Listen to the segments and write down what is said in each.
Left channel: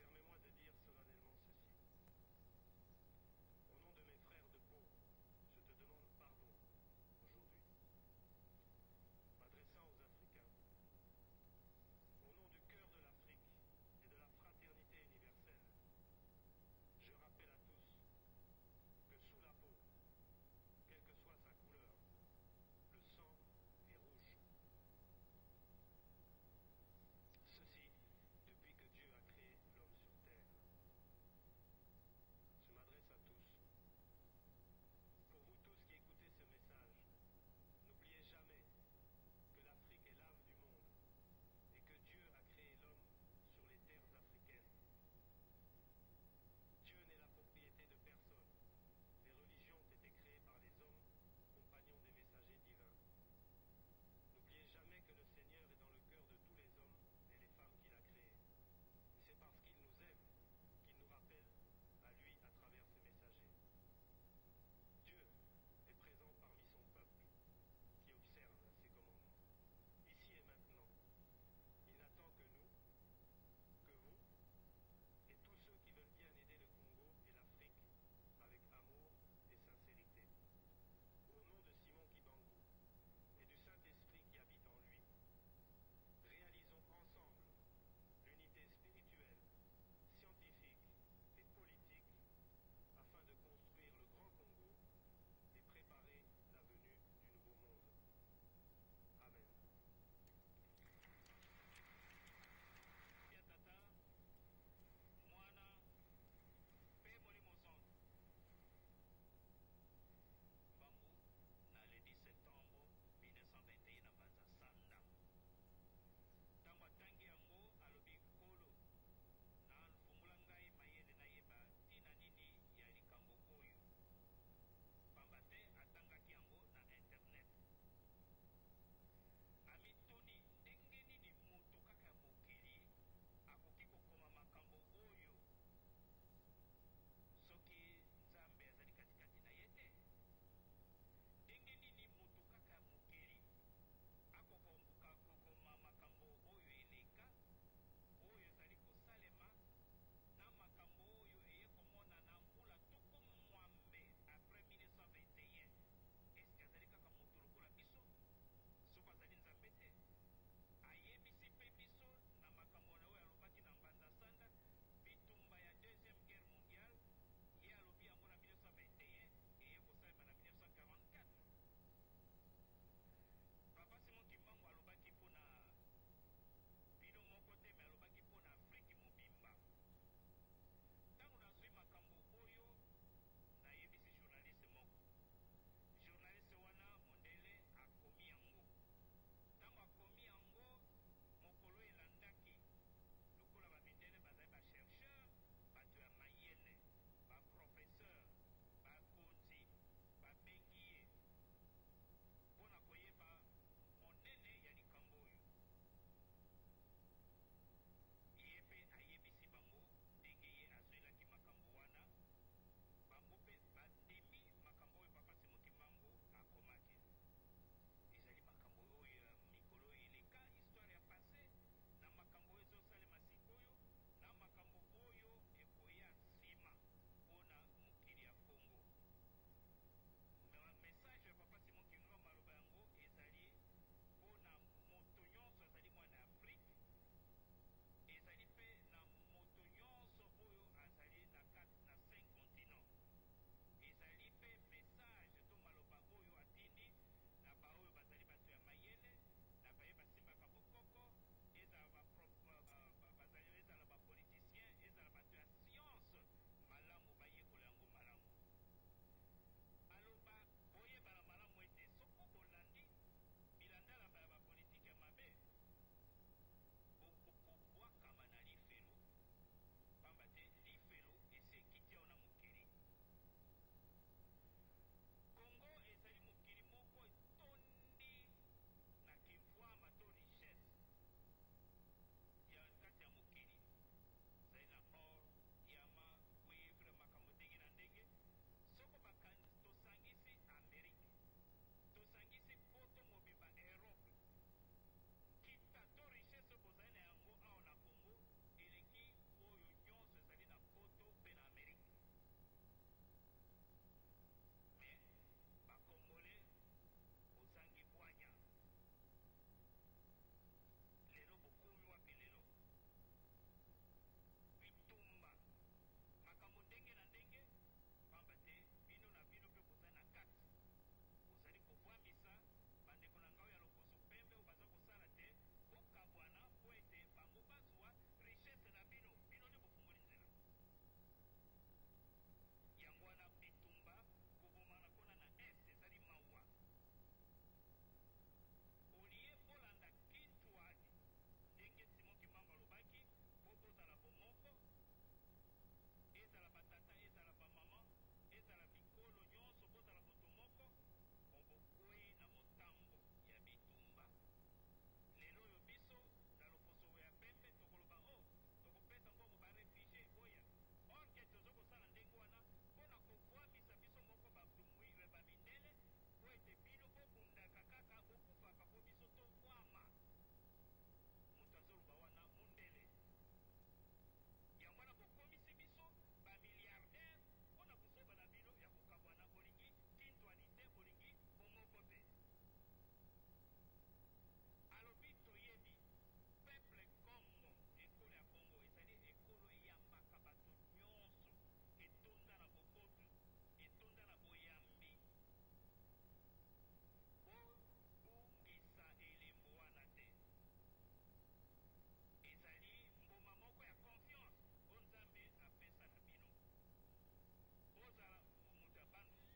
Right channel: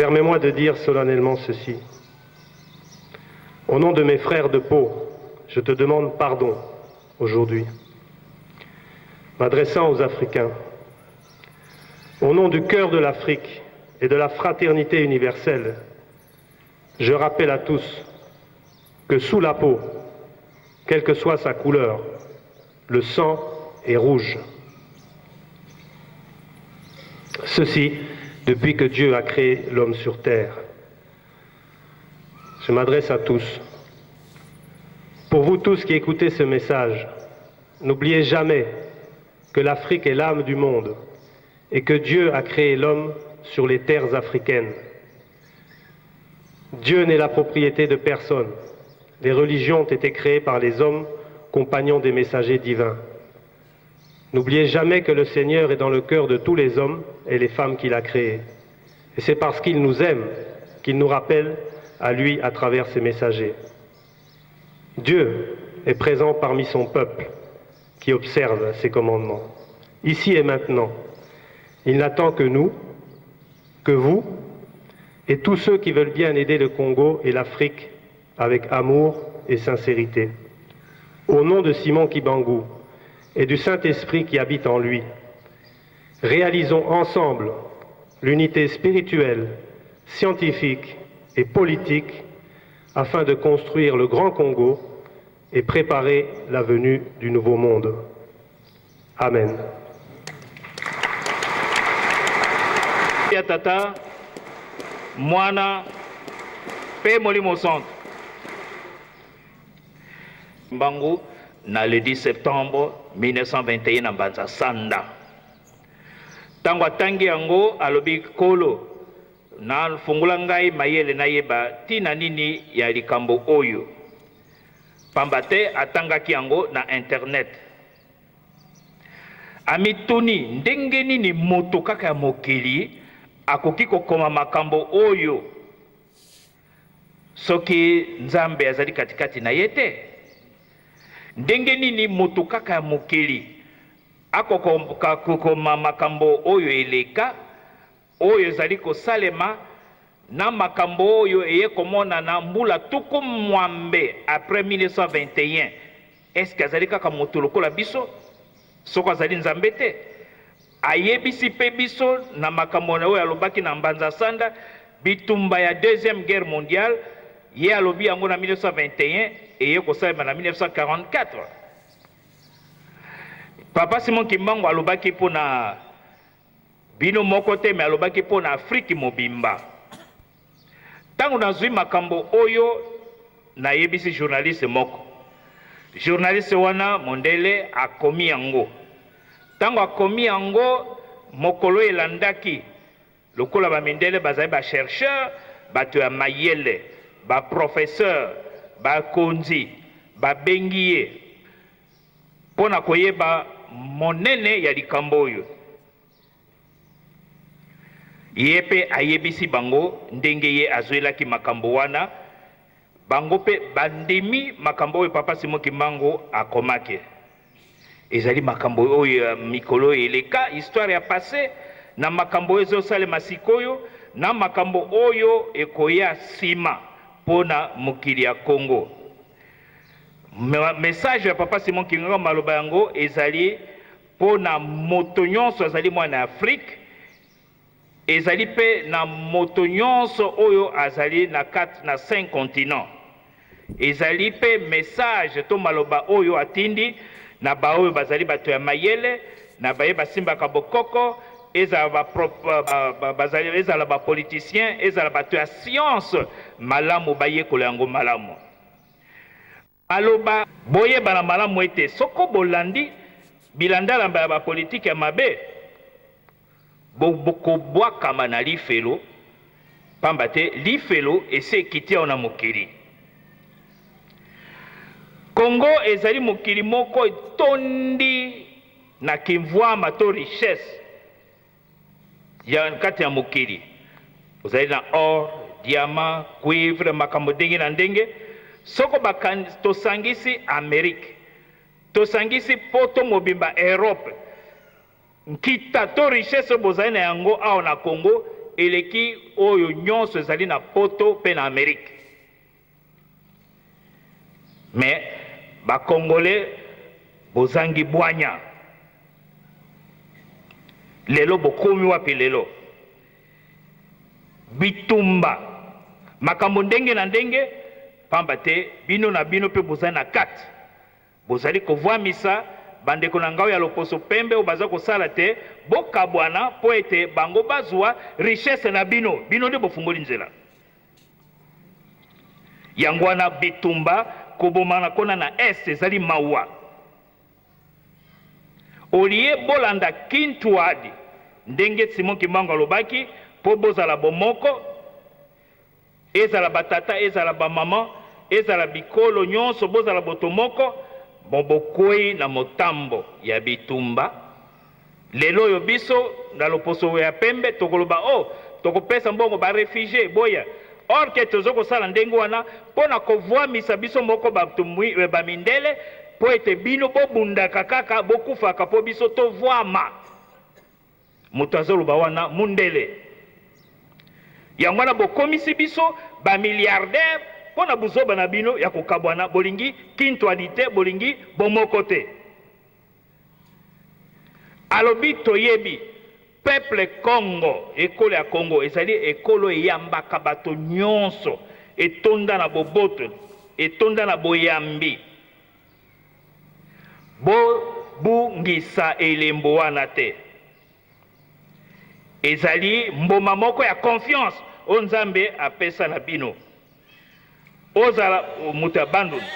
Permets-moi de dire solennellement ceci. Au nom de mes frères de peau, je te demande pardon aujourd'hui. M'adressant aux Africains, au nom du cœur de l'Afrique et de la fraternité universelle, je rappelle à tous que sous la peau, quelle que soit sa couleur, le sang est rouge. Ceci depuis que Dieu a créé l'homme sur terre. Je m'adresse à tous. Pour vous tous qui écoutez ce message, n'oubliez jamais que l'Afrique est l'âme du monde et que Dieu a créé l'homme sur les terres africaines. Dieu n'est la propriété de personne. Les religions ont été créées par les hommes, compagnons des messagers divins. N'oubliez jamais que le Seigneur est dans le cœur de tous les hommes et les femmes qu'il a créés. Et c'est parce qu'il nous aime qu'il nous rappelle à lui à travers ses messagers. Dieu est présent parmi son peuple qui observe ses commandements. Ici et maintenant, il n'attend que nous, que vous, et tous ceux qui veulent bien aider le Congo et l'Afrique avec amour et sincérité. Au nom de Simon Kibangu et du Saint-Esprit qui habite en lui, réalisons ensemble l'unité spirituelle, scientifique et politique afin de construire le Grand Congo et préparer la venue du Nouveau Monde. Amen. Tata, Mwana, Pe Molimo Centre. Mbangu, na le 10 septembre 1921 na Mbanza Sanda. Tango atangi yango alobi kolo na fungula ngai mayele na yeba tina nini ya likambo oyo. Pambate atangaki yango na internet. Amituni ndenge nini moto kaka ya mokili akoki kokoma makambo oyo soki Nzambe azali katikati na yete. Ndenge nini moto kaka ya mokili akokoma makambo oyo eleka oyo ezali kosalema na makambo oyo eye komona na mbula tuku mwambe après 1921. Est-ce que azali kaka moto lokola biso soko azali Nzambe te? Ayebisi pe biso na makambo oyo alobaki na Mbanza Sanda bitumba ya deuxième guerre mondiale ye alobi yango na 1921 eye kosalema na 1944. Papa Simon Kimbangu alobaki po na bino moko te me alobaki po na Afrique mobimba. Tango nazwi makambo oyo na yebisi journaliste moko. Journaliste wana mondele akomi yango. Tango akomi yango mokolo elandaki lokola ba mindele bazali ba chercheur, bato ya mayele, ba professeur, ba konzi, ba bengiye pona koyeba monene ya likambo oyo. Ye pe ayebisi bango ndenge ye azwelaki makambo wana, bango pe bandemi makambo oyo Papa Simon Kimbangu akomaki. Ezali makambo oyo mikolo eleka histoire ya passé na makambo oyo ezosalema sikoyo na makambo oyo ekoya sima pona mokili ya Congo. Message ya Papa Simon Kimbangu maloba yango ezali pona moto nyonso azali mwana Afrique, ezali pe na moto nyonso oyo azali na 5 continents. Ezali pe message to maloba oyo atindi na ba oyo bazali bato ya mayele na baye basimbaka bokoko, ezala ba politicien, ezala bato ya science malamu bayekola yango malamu. Aloba boyeba na malamu ete soko bolandi bilandala ya ba politique ya mabe bokobwakama na lifelo pamba te lifelo ese ekiti awa na mokili. Congo ezali mokili moko etondi na kimvwama to richesse ya kati ya mokili. Ozali na or, diamant, cuivre, makambo ndenge na ndenge. Soko tosangisi Amerique, tosangisi poto mobimba Europe, nkita to richesse bozali na yango awa na Congo eleki oyo nyonso ezali na poto pe na Amérique. Mais bakongole bozangi bwanya. Lelo bokomi wapi lelo? Bitumba makambo ndenge na ndenge, pamba te bino na bino pe bozali na kati. Bozali kovwamisa bandeko na ngao ya loposo pembe o baza kosala te, bokabwana po ete bango bazwa richesse na bino, bino nde bofungoli nzela. Yango wana bitumba kobomana kona na est ezali mawa. Olie bolanda kintuadi ndenge Simon Kimbangu alobaki po bozala bomoko, ezala batata, ezala bamama, ezala bikolo nyonso bozala botomoko, bobokwei na motambo ya bitumba. Lelo yo biso na loposo ya pembe tokoloba tokopesa mbongo ba réfugié boya. Or ke tozoko sala ndenge wana pona kovwamisa biso moko bamindele po ete bino bobundaka kaka bokufaka po biso tovwama. Moto azoloba wana mundele. Yango wana bokomisi biso ba milliardaire pona buzoba na bino ya kokabwana bolingi kintualite bolingi bomoko te. Alobi toyebi peuple Congo, ekolo ya Congo ezali ekolo eyambaka bato nyonso, etonda na boboto, etonda na boyambi. Bongisa elembo wana te. Ezali mboma moko ya confiance o Nzambe apesa na bino. Ozala muta Bandundu,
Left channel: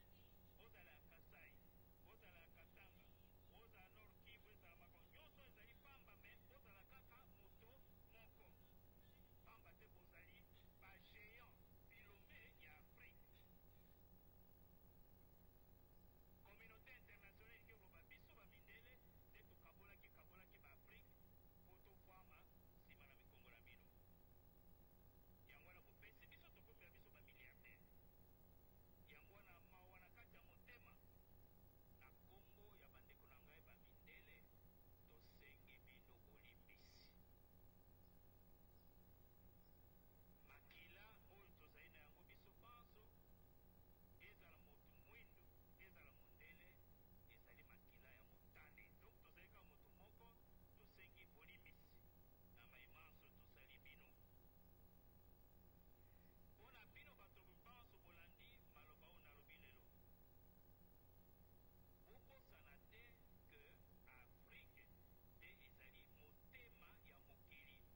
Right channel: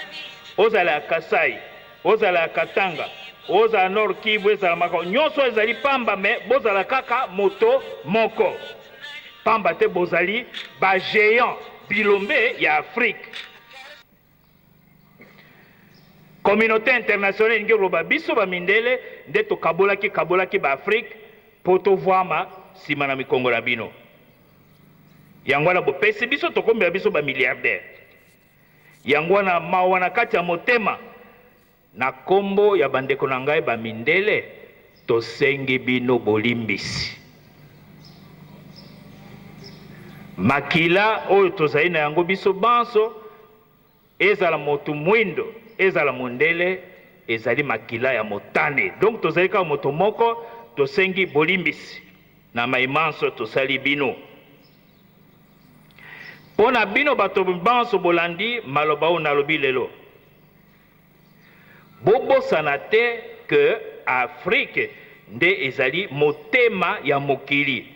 ozala ya Kasai, ozala ya Katanga, ozala Nord Kivu, ezala mako nyonso ezali pamba, me bozala kaka moto moko. Pamba te bozali ba géant bilombe ya Afrique. Communauté internationale nge loba biso ba mindele nde to kabolaki ba Afrique poto vwama sima na mikongo na bino. Yango wana bopesi biso tokombela biso ba milliardaire. Yango wana mawa na kati ya motema na kombo ya bandeko na ngai ba mindele tosengi bino bolimbisi. Makila oyo tozali na yango biso banso ezala motu mwindo ezala mondele ezali makila ya motane. Donc tozali kaka moto moko tosengi bolimbisi na maimanso tosali bino. Pona bino bato banso bolandi maloba o nalobi lelo. Bobosana te que Afrique nde ezali motema ya mokili.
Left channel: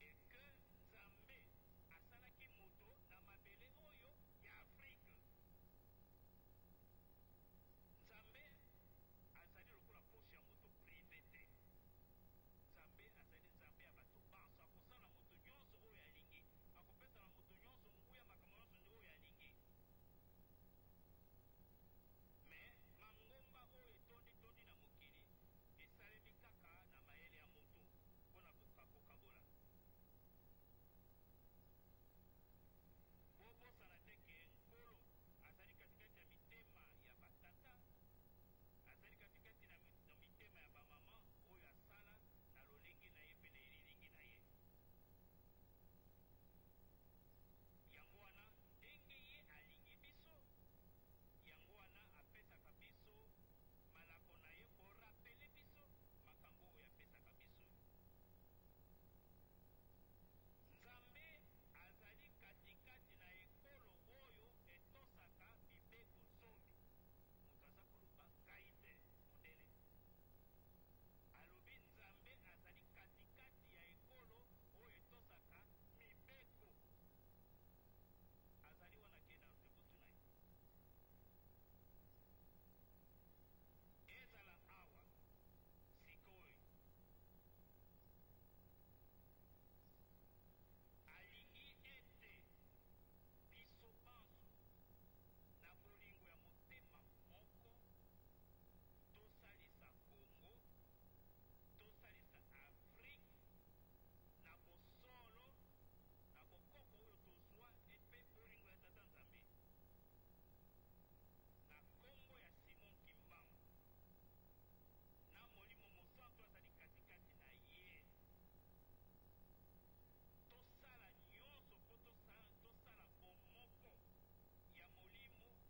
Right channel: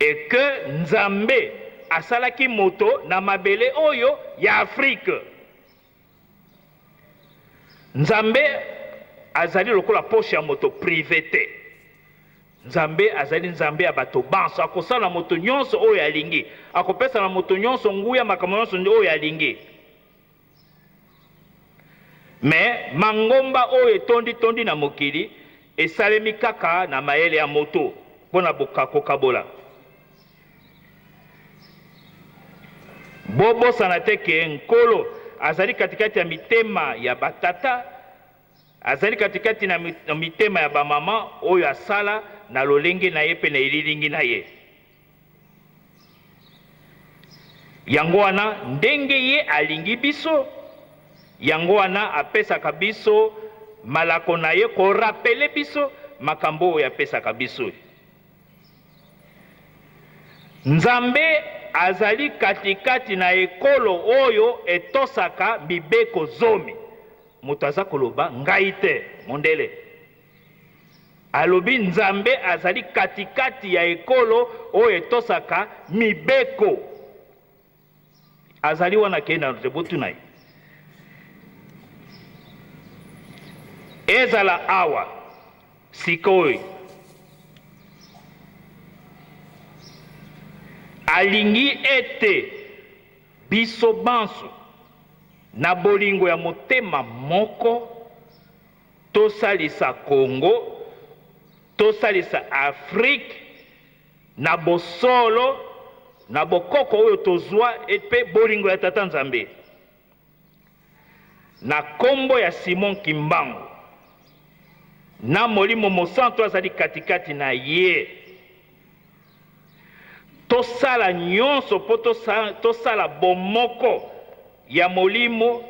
Et que Nzambe asalaki moto na mabele oyo ya Afrique. Nzambe azali lokola poche ya moto privé te. Nzambe azali Nzambe ya bato banso, akosala moto nyonso oyo alingi, akopesa na moto nyonso nguya makambo nyonso oyo alingi. Mais mangomba oyo etondi na mokili esalemi kaka na mayele ya moto pona kokabola. Bobosana te ke nkolo azali katikati ya mitema ya batata, azali katikati na mitema ya bamama oyo asala na lolenge na ye pe na elilingi na ye. Yango wana ndenge ye alingi biso, yango wana apesaka biso malako na ye ko rapele biso makambo oyo apesaka biso. Nzambe azali katikati na ekolo oyo etosaka mibeko zomi. Moto aza koloba ngai te mondele. Alobi Nzambe azali katikati ya ekolo oyo etosaka mibeko. Azali wana kenda nzebutu na ye. Ezala awa sikoi alingi ete biso banso na bolingo ya motema moko tosalisa Congo, tosalisa Afrique na bosolo na bokoko oyo tozwa epe bolingo ya Tata Nzambe. Na kombo ya Simon Kimbangu na molimo mosantu azali katikati na ye. tosala nyonso mpo tosala bomoko ya molimo,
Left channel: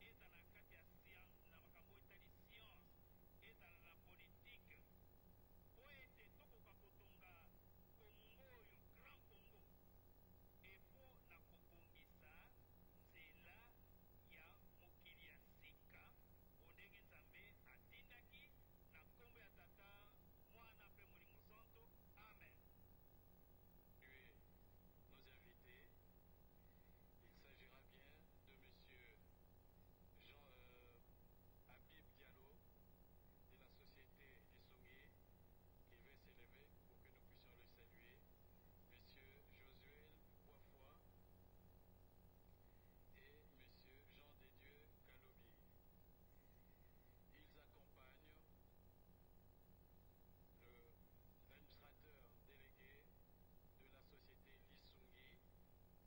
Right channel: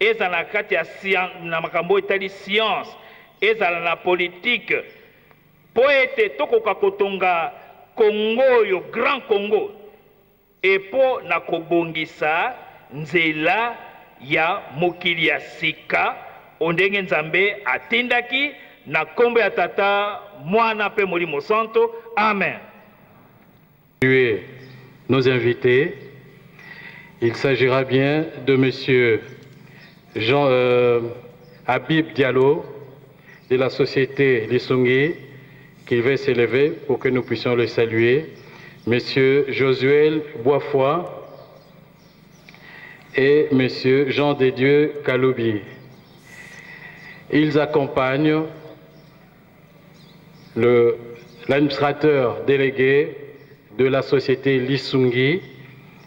ezala na kati ya na makambo etali science, ezala na politique, mpo ete tokoka kotonga Congo oyo, Grand Congo, epo na kobongisa nzela ya mokili ya sika ondenge Nzambe atindaki na kombo ya Tata, Mwana pe Molimo Santo. Amen. Nos invités, il s'agira bien de Monsieur Habib Diallo de la société Lissungi qui va s'élever pour que nous puissions le saluer, Monsieur Josuel Boisfoy et Monsieur Jean de Dieu Kaloubi. Ils accompagnent l'administrateur délégué de la société Lissungi,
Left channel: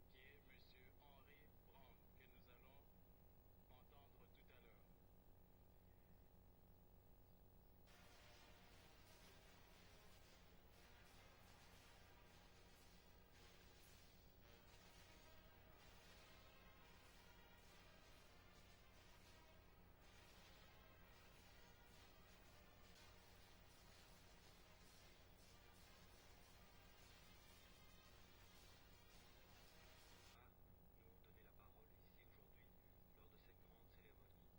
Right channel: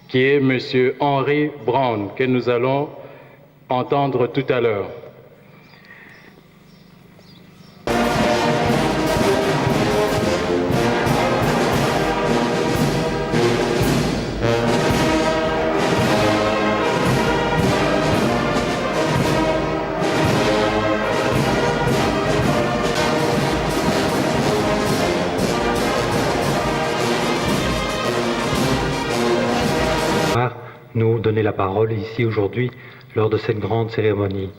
qui est Monsieur Henri Brown, que nous allons entendre tout à l'heure. Nous donner la parole ici aujourd'hui lors de cette grande cérémonie.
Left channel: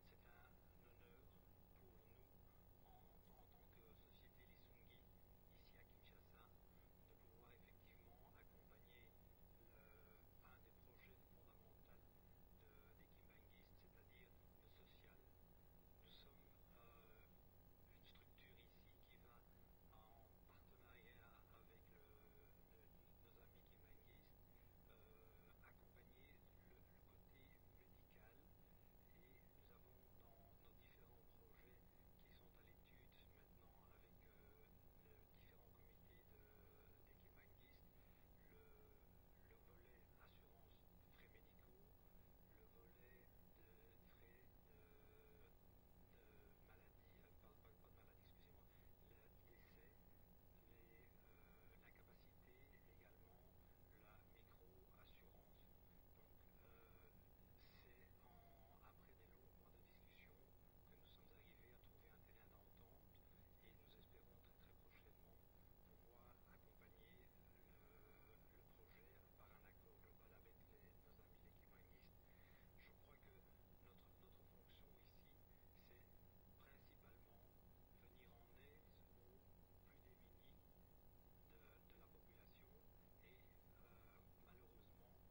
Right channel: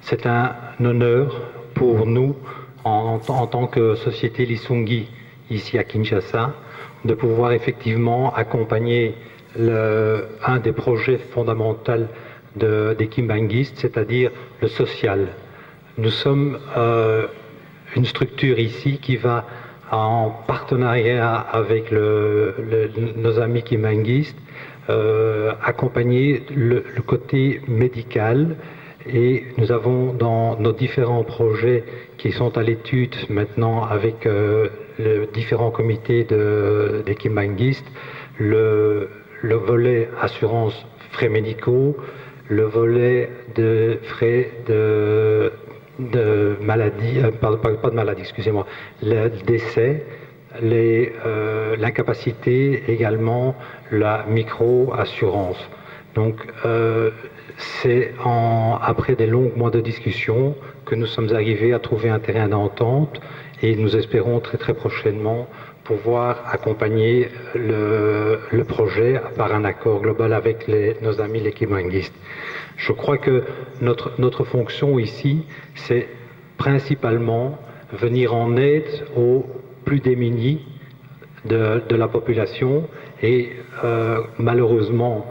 C'est un honneur pour nous en tant que société Lissungi ici à Kinshasa de pouvoir effectivement accompagner un des projets fondamentaux des Kimbanguistes, c'est-à-dire le social. Nous sommes une structure ici qui va en partenariat avec nos amis Kimbanguistes accompagner le côté médical, et nous avons dans nos différents projets qui sont à l'étude maintenant avec les différents comités des Kimbanguistes, le volet assurance frais médicaux, le volet de frais de maladie, pas de maladie, excusez-moi, le décès, l'incapacité également, la micro-assurance. Donc c'est après des longs mois de discussion que nous sommes arrivés à trouver un terrain d'entente, et nous espérons très très prochainement pouvoir accompagner le projet par un accord global avec nos amis les Kimbanguistes. Je crois que notre fonction ici, c'est principalement venir en aide aux plus démunis de la population, et malheureusement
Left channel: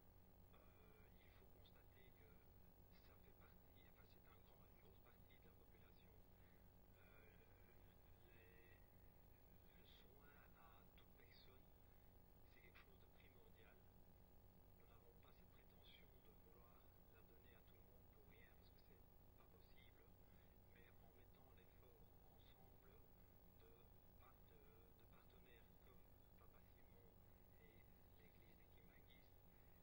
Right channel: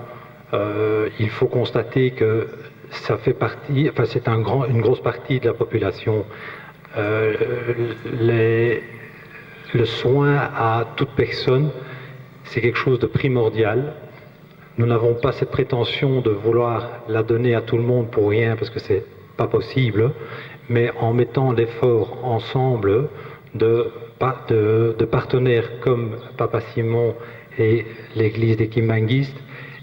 il faut constater que ça fait partie, enfin c'est une grosse partie de la population. Le soin à toute personne, c'est quelque chose de primordial. Nous n'avons pas cette prétention de vouloir la donner à tout le monde pour rien, parce que c'est pas possible, mais en mettant l'effort ensemble de partenaires comme Papa Simon et l'église des Kimbanguistes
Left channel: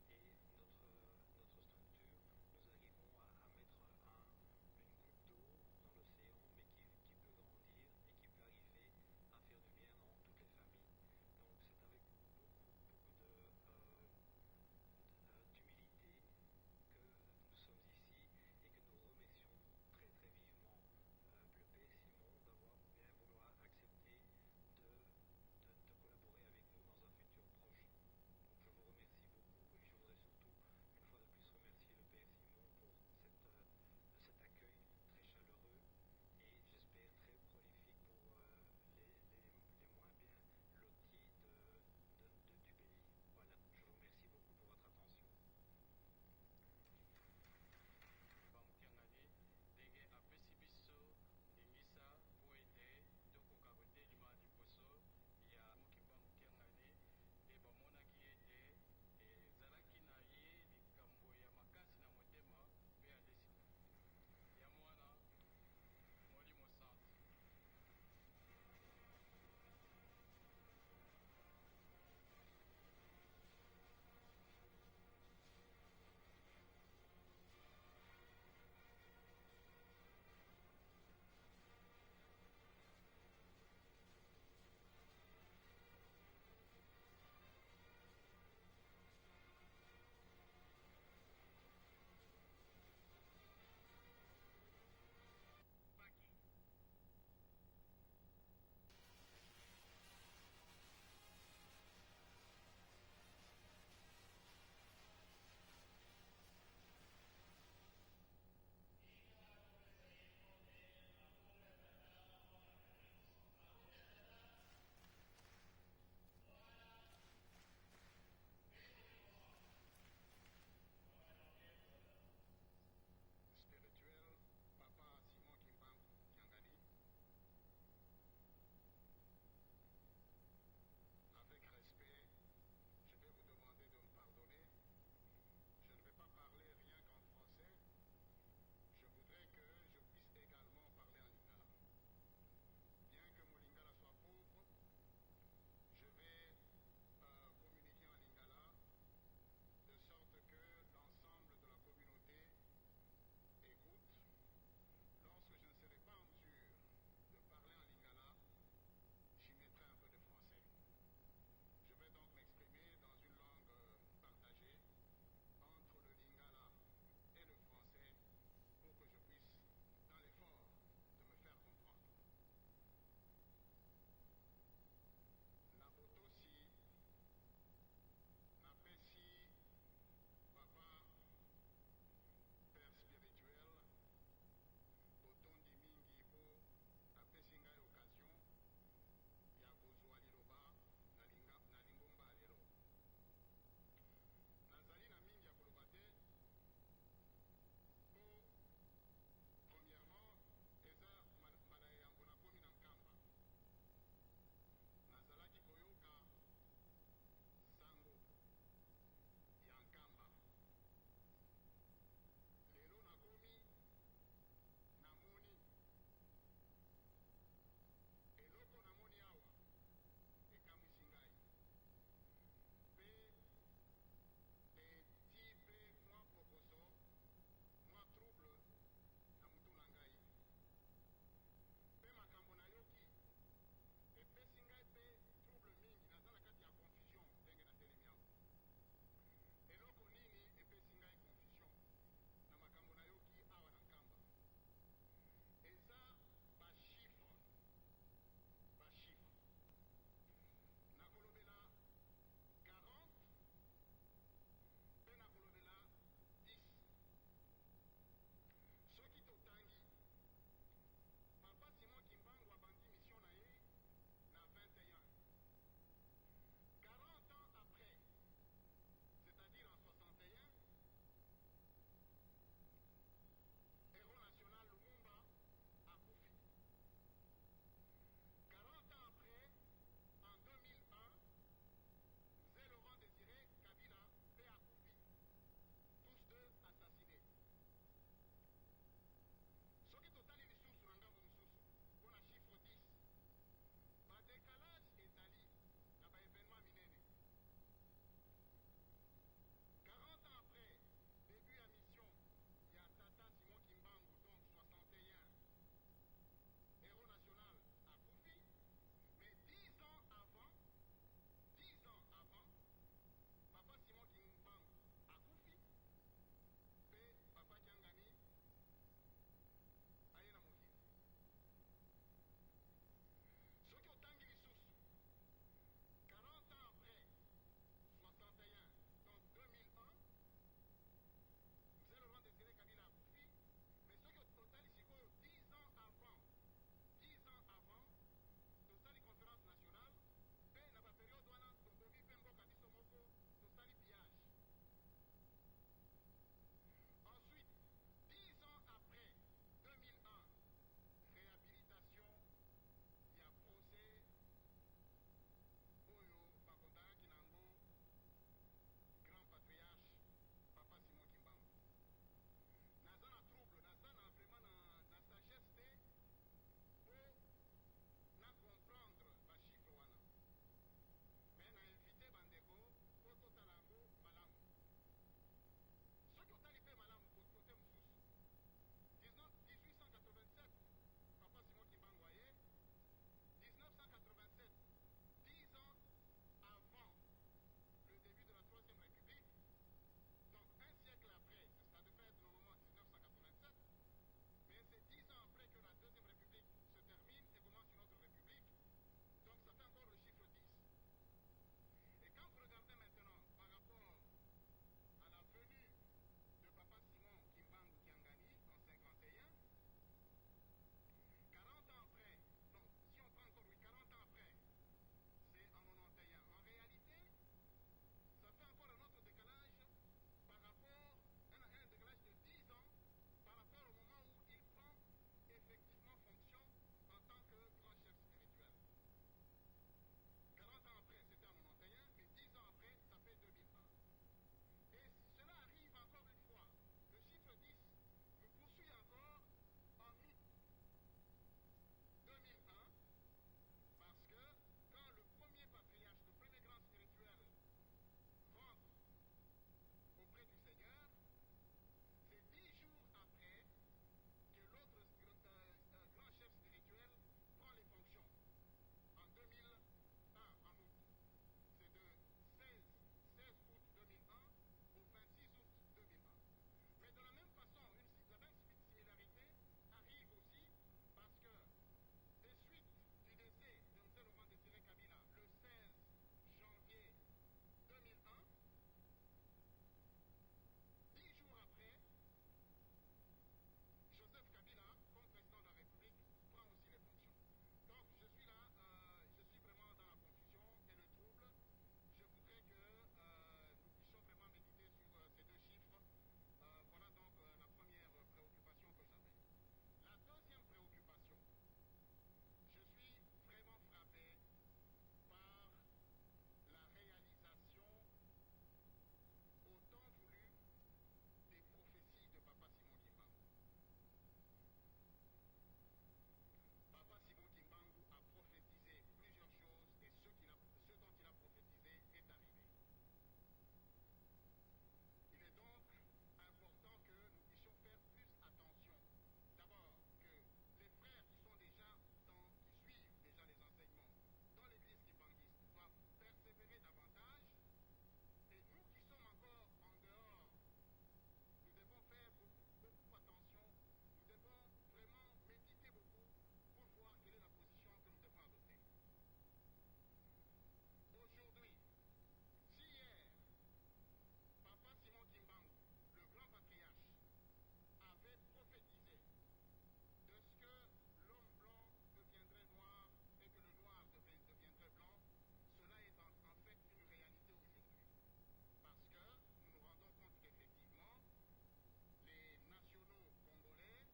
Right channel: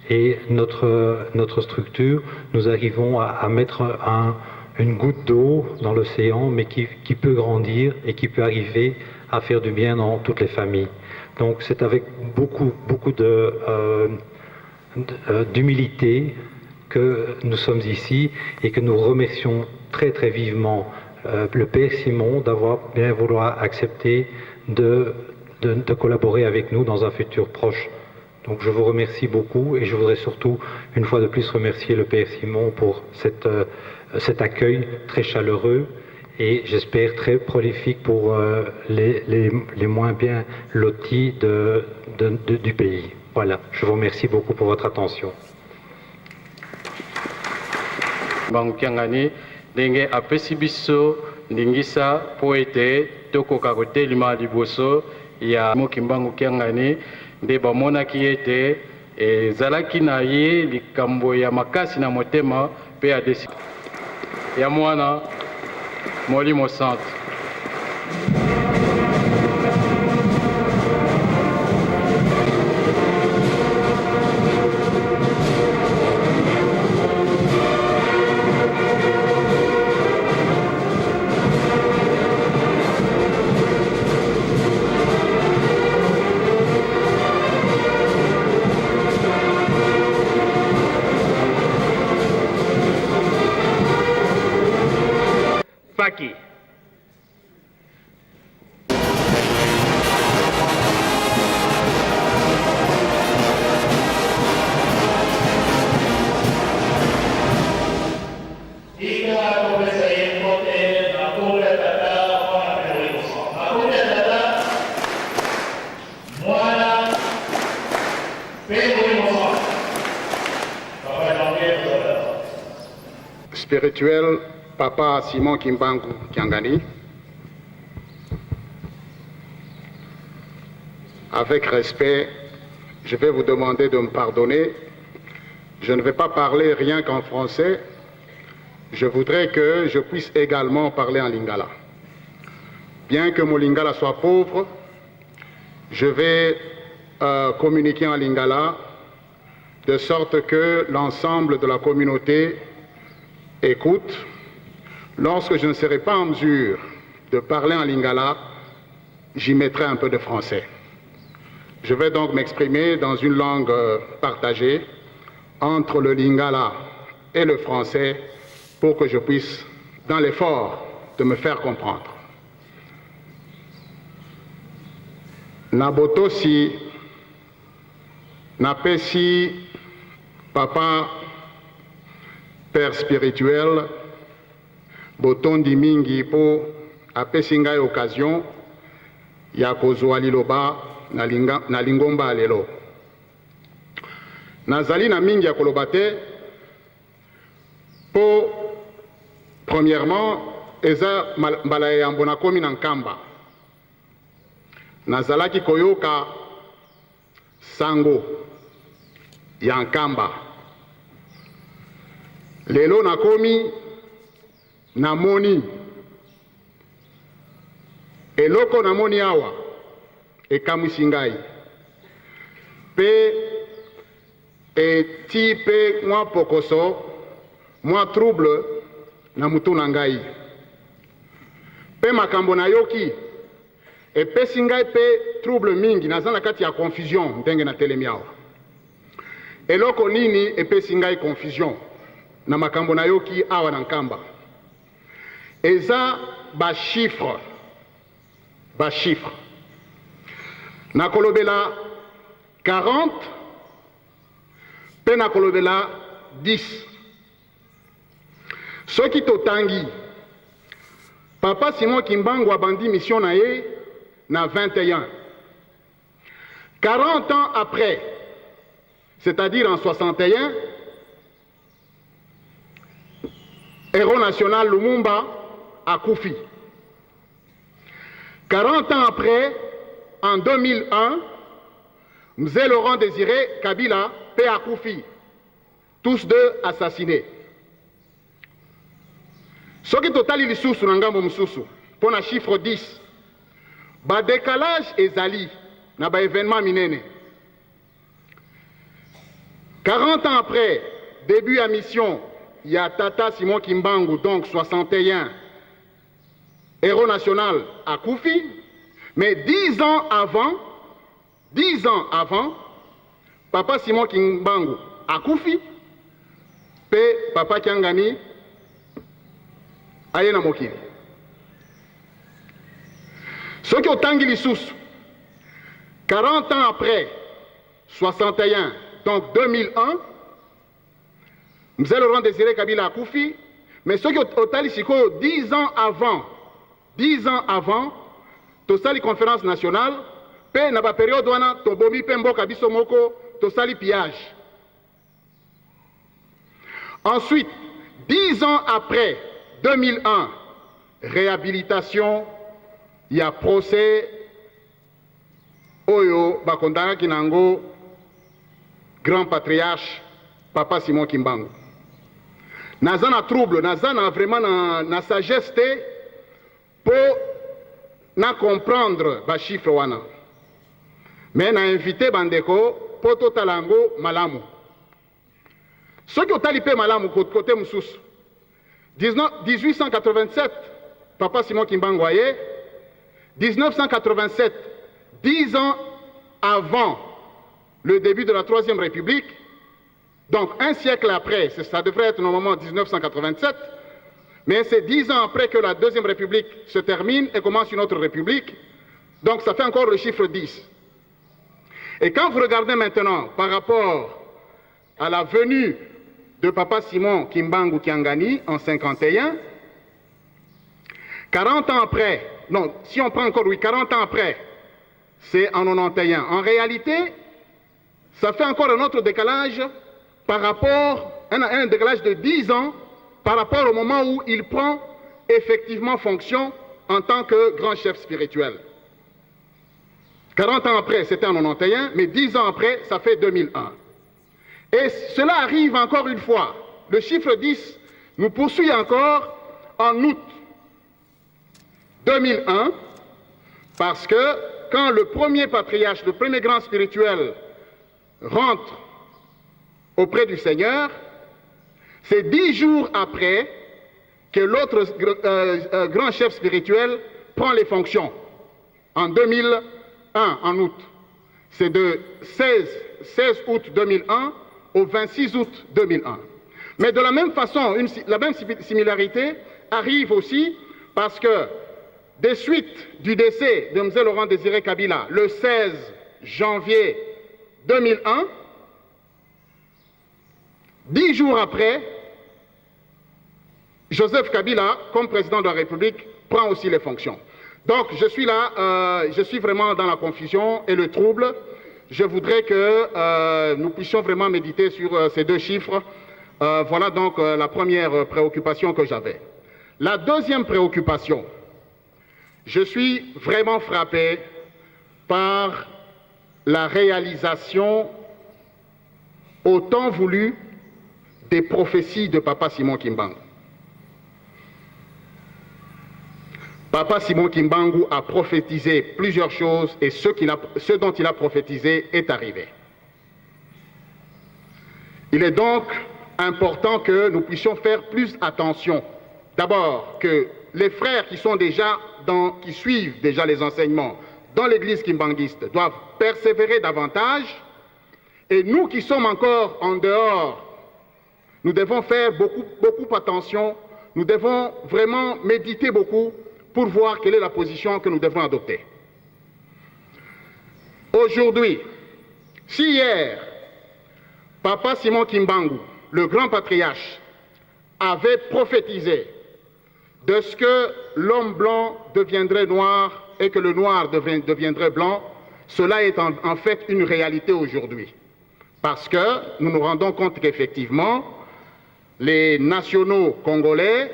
et notre structure, nous arrivons à mettre une goutte d'eau dans l'océan, mais qui peut grandir et qui peut arriver à faire du bien dans toutes les familles. Donc c'est avec beaucoup d'humilité que nous sommes ici, et que nous remercions très très vivement le Père Simon d'avoir bien vouloir accepter de collaborer avec nous dans un futur proche. Donc je vous remercie beaucoup, et je voudrais surtout une fois de plus remercier le Père Simon pour cet accueil très chaleureux, et j'espère très prolifique pour les moins bien lotis du pays. Voilà, je vous remercie beaucoup pour votre attention. Ndenge apesi biso ndingisa po ete tokoka kotelema liboso ya Mokimbangu Kiangani, nde bamonaki ete ezalaki na ye likambo ya makasi na motema mpe ya desi ya Mwana Molimo Santo. Spirituel, Papa Simon Kimbangu Kiangani, avec respect, je vais vous demander de me pardonner. Je ne vais pas parler rien qu'en français. Je voudrais que je puisse également parler en lingala. Bien que mon lingala soit pauvre, je vais communiquer en lingala de sorte que l'ensemble de la communauté écoute. Lorsque je ne serai pas en mesure de parler en lingala, j'y mettrai un peu de français. Je vais donc m'exprimer dans une langue partagée entre le lingala et le français pour que je puisse, dans l'effort de me faire comprendre. Nabotosi, napesi, papa, père spirituel, botondi mingi po apesi ngai occasion ya kozwa liloba na lingomba lelo. Nazali na mingi ya koloba te po premièrement eza mbala ya yambo nakomi na nkamba. Nazalaki koyoka sango ya nkamba. Lelo nakomi namoni eloko namoni awa ekamwisi ngai pe eti pe mwa pokoso mwa trouble na mutu na ngai pe makambo nayoki epesi ngai pe trouble mingi, naza na kati ya confusion ndenge na telemi awa. Eloko nini epesi ngai confusion na makambo nayoki awa na nkamba? Eza ba chiffre nakolobela 40 pe nakolobela 10. Soki totangi Papa Simon Kimbangu abandi mission na ye na 21. 40 ans après, c'est-à-dire en 61, héros national Lumumba akufi. 40 ans après, en 2001, Mzee Laurent Désiré Kabila pe akufi. Tous deux assassinés. Soki totali lisusu na ngambo mususu, pona chiffre 10, ba décalage ezali na ba événement minene. 40 ans après, début à mission, il y a Tata Simon Kimbangu, donc 61, héros national à Koufi, mais 10 ans avant, Papa Simon Kimbangu à Koufi, pe Papa Kiangani aye na mokili. Ce qui otangi lisusu 40 ans après 61, donc 2001, Mzee Laurent Désiré Kabila akufi, mais ce qui otali siko 10 ans avant, tosali conférence nationale, pe na ba période wana tobomi pe mboka biso moko tosali pillage. Ensuite, 10 ans après 2001, réhabilitation, il y a procès Oyo Bakondana Kinango, grand patriarche, Papa Simon Kimbangu. Nazana trouble, nazana vraiment na sagesse pour na comprendre ba chiffre wana. Mais na invité Bandeko pour totalango malamu. Ce qui ont talipé malamu côté Moussous. 1887, Papa Simon Kimbangu aye. 1987, 10 ans avant le début de la Troisième République, donc un siècle après, ça devrait être normalement 1987, mais c'est 10 ans après que la Deuxième République se termine et commence une autre République, donc ça fait encore le chiffre 10. Et quand vous regardez maintenant par rapport à la venue de Papa Simon Kimbangu Kiangani en 51, 40 ans après, non, si on prend encore, oui, 40 ans après, c'est en 91. En réalité, ça fait encore un autre décalage par rapport, un décalage de 10 ans par rapport au moment où il prend effectivement fonction en tant que grand chef spirituel. 40 ans après, c'était en 91, mais 10 ans après, ça fait 2001. Et cela arrive encore une fois. Le chiffre 10 nous poursuit encore en août 2001, parce que quand le premier patriarche, le premier grand spirituel rentre auprès du Seigneur, c'est 10 jours après que l'autre grand chef spirituel prend les fonctions, en 2001, en août. C'est de 16 août 2001 au 26 août 2001. Mais de la même façon, la même similarité arrive aussi parce que, des suites du décès de M. Laurent Désiré Kabila, le 16 janvier 2001, 10 jours après, Joseph Kabila, comme président de la République, prend aussi les fonctions. Donc je suis là, je suis vraiment dans la confusion et le trouble. Je voudrais que nous puissions vraiment méditer sur ces deux chiffres. Voilà donc la première préoccupation que j'avais. La deuxième préoccupation, je suis vraiment frappé par la réalisation au temps voulu des prophéties de Papa Simon Kimbangu. Papa Simon Kimbangu a prophétisé plusieurs choses et ce dont il a prophétisé est arrivé. Il est donc important que nous puissions faire plus attention. D'abord, que les frères qui suivent déjà les enseignements dans l'église kimbanguiste doivent persévérer davantage, et nous qui sommes encore en dehors, nous devons faire beaucoup attention, nous devons vraiment méditer beaucoup pour voir quelle est la position que nous devons adopter. Aujourd'hui, si hier, Papa Simon Kimbangu, le grand patriarche, avait prophétisé de ce que l'homme blanc deviendrait noir et que le noir deviendrait blanc, cela est en fait une réalité aujourd'hui. Parce que nous nous rendons compte qu'effectivement, les nationaux congolais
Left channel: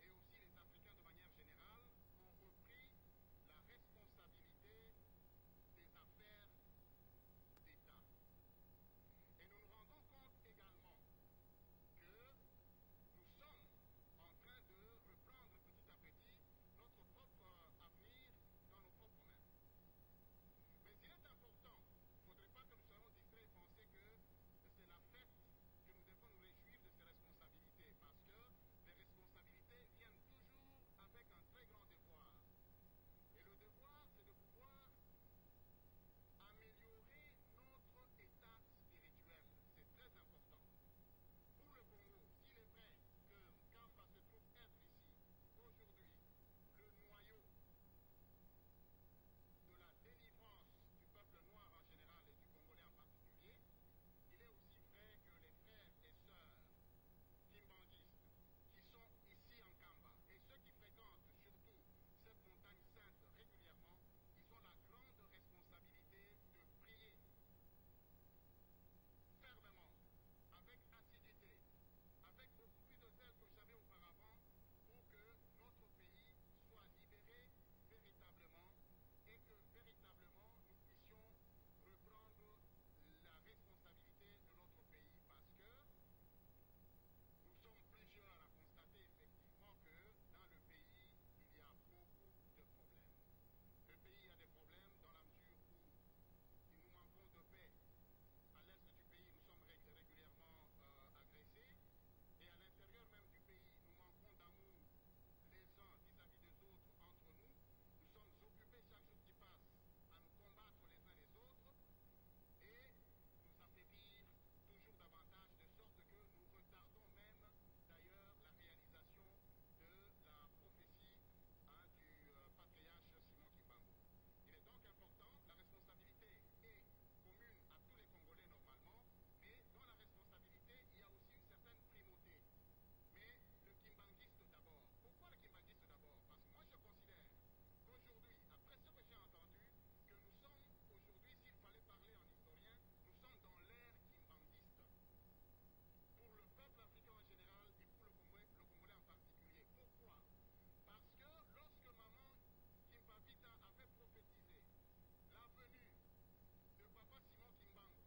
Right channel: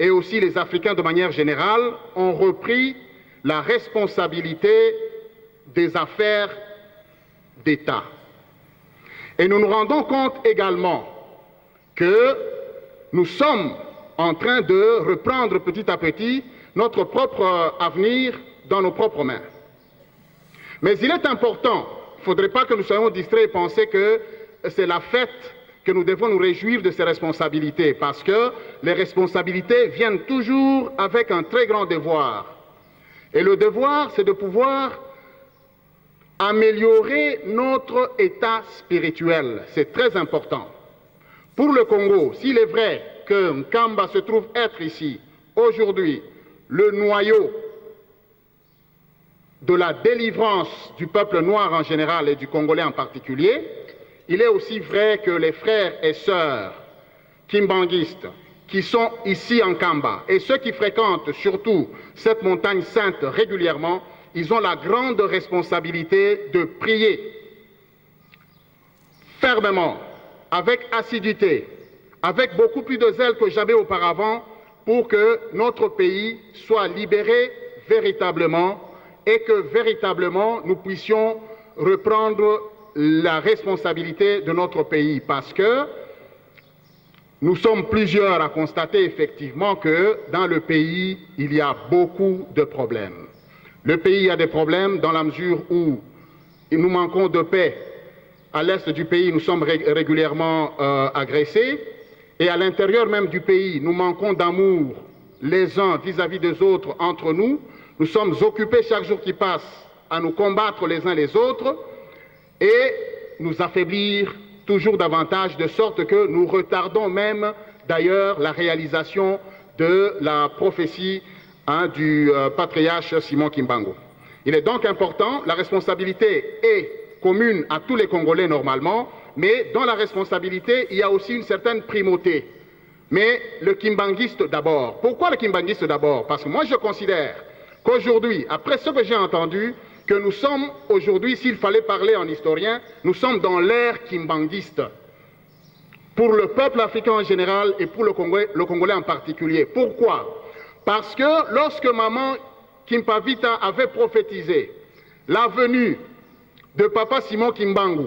et aussi les Africains de manière générale ont repris la responsabilité des affaires d'État. Et nous nous rendons compte également que nous sommes en train de reprendre petit à petit notre propre avenir dans nos propres mains. Mais il est important, il ne faudrait pas que nous soyons distraits et penser que c'est la fête que nous devons nous réjouir de ces responsabilités, parce que les responsabilités viennent toujours avec un très grand devoir. Et le devoir, c'est de pouvoir améliorer notre état spirituel. C'est très important. Pour le Congo, s'il est vrai que Nkamba se trouve être ici, aujourd'hui, le noyau de la délivrance du peuple noir en général et du Congolais en particulier, il est aussi vrai que les frères et sœurs kimbanguistes qui sont ici en Kamba et ceux qui fréquentent surtout cette montagne sainte régulièrement, ils ont la grande responsabilité de prier fermement, avec assiduité, avec beaucoup plus de zèle que jamais auparavant, pour que notre pays soit libéré véritablement et que véritablement nous puissions reprendre la responsabilité de notre pays, parce que nous sommes plusieurs à constater effectivement que dans le pays, il y a beaucoup de problèmes. Le pays a des problèmes dans la mesure où nous manquons de paix. À l'est du pays, nous sommes régulièrement agressés, et à l'intérieur même du pays, nous manquons d'amour les uns vis-à-vis des autres entre nous. Nous sommes occupés chaque jour qui passe à nous combattre les uns les autres et nous affaiblir toujours davantage, de sorte que nous retardons même d'ailleurs la réalisation de la prophétie du patriarche Simon Kimbangu. Il est donc important, la responsabilité est commune à tous les Congolais normalement, mais dans la responsabilité, il y a aussi une certaine primauté. Mais le kimbanguiste d'abord. Pourquoi le kimbanguiste d'abord? Parce que moi je considère qu'aujourd'hui, après ce que j'ai entendu, que nous sommes aujourd'hui, s'il fallait parler en historien, nous sommes dans l'ère kimbanguiste. Pour le peuple africain en général et pour le Congolais en particulier. Pourquoi? Parce que lorsque Maman Kimpavita avait prophétisé la venue de Papa Simon Kimbangu,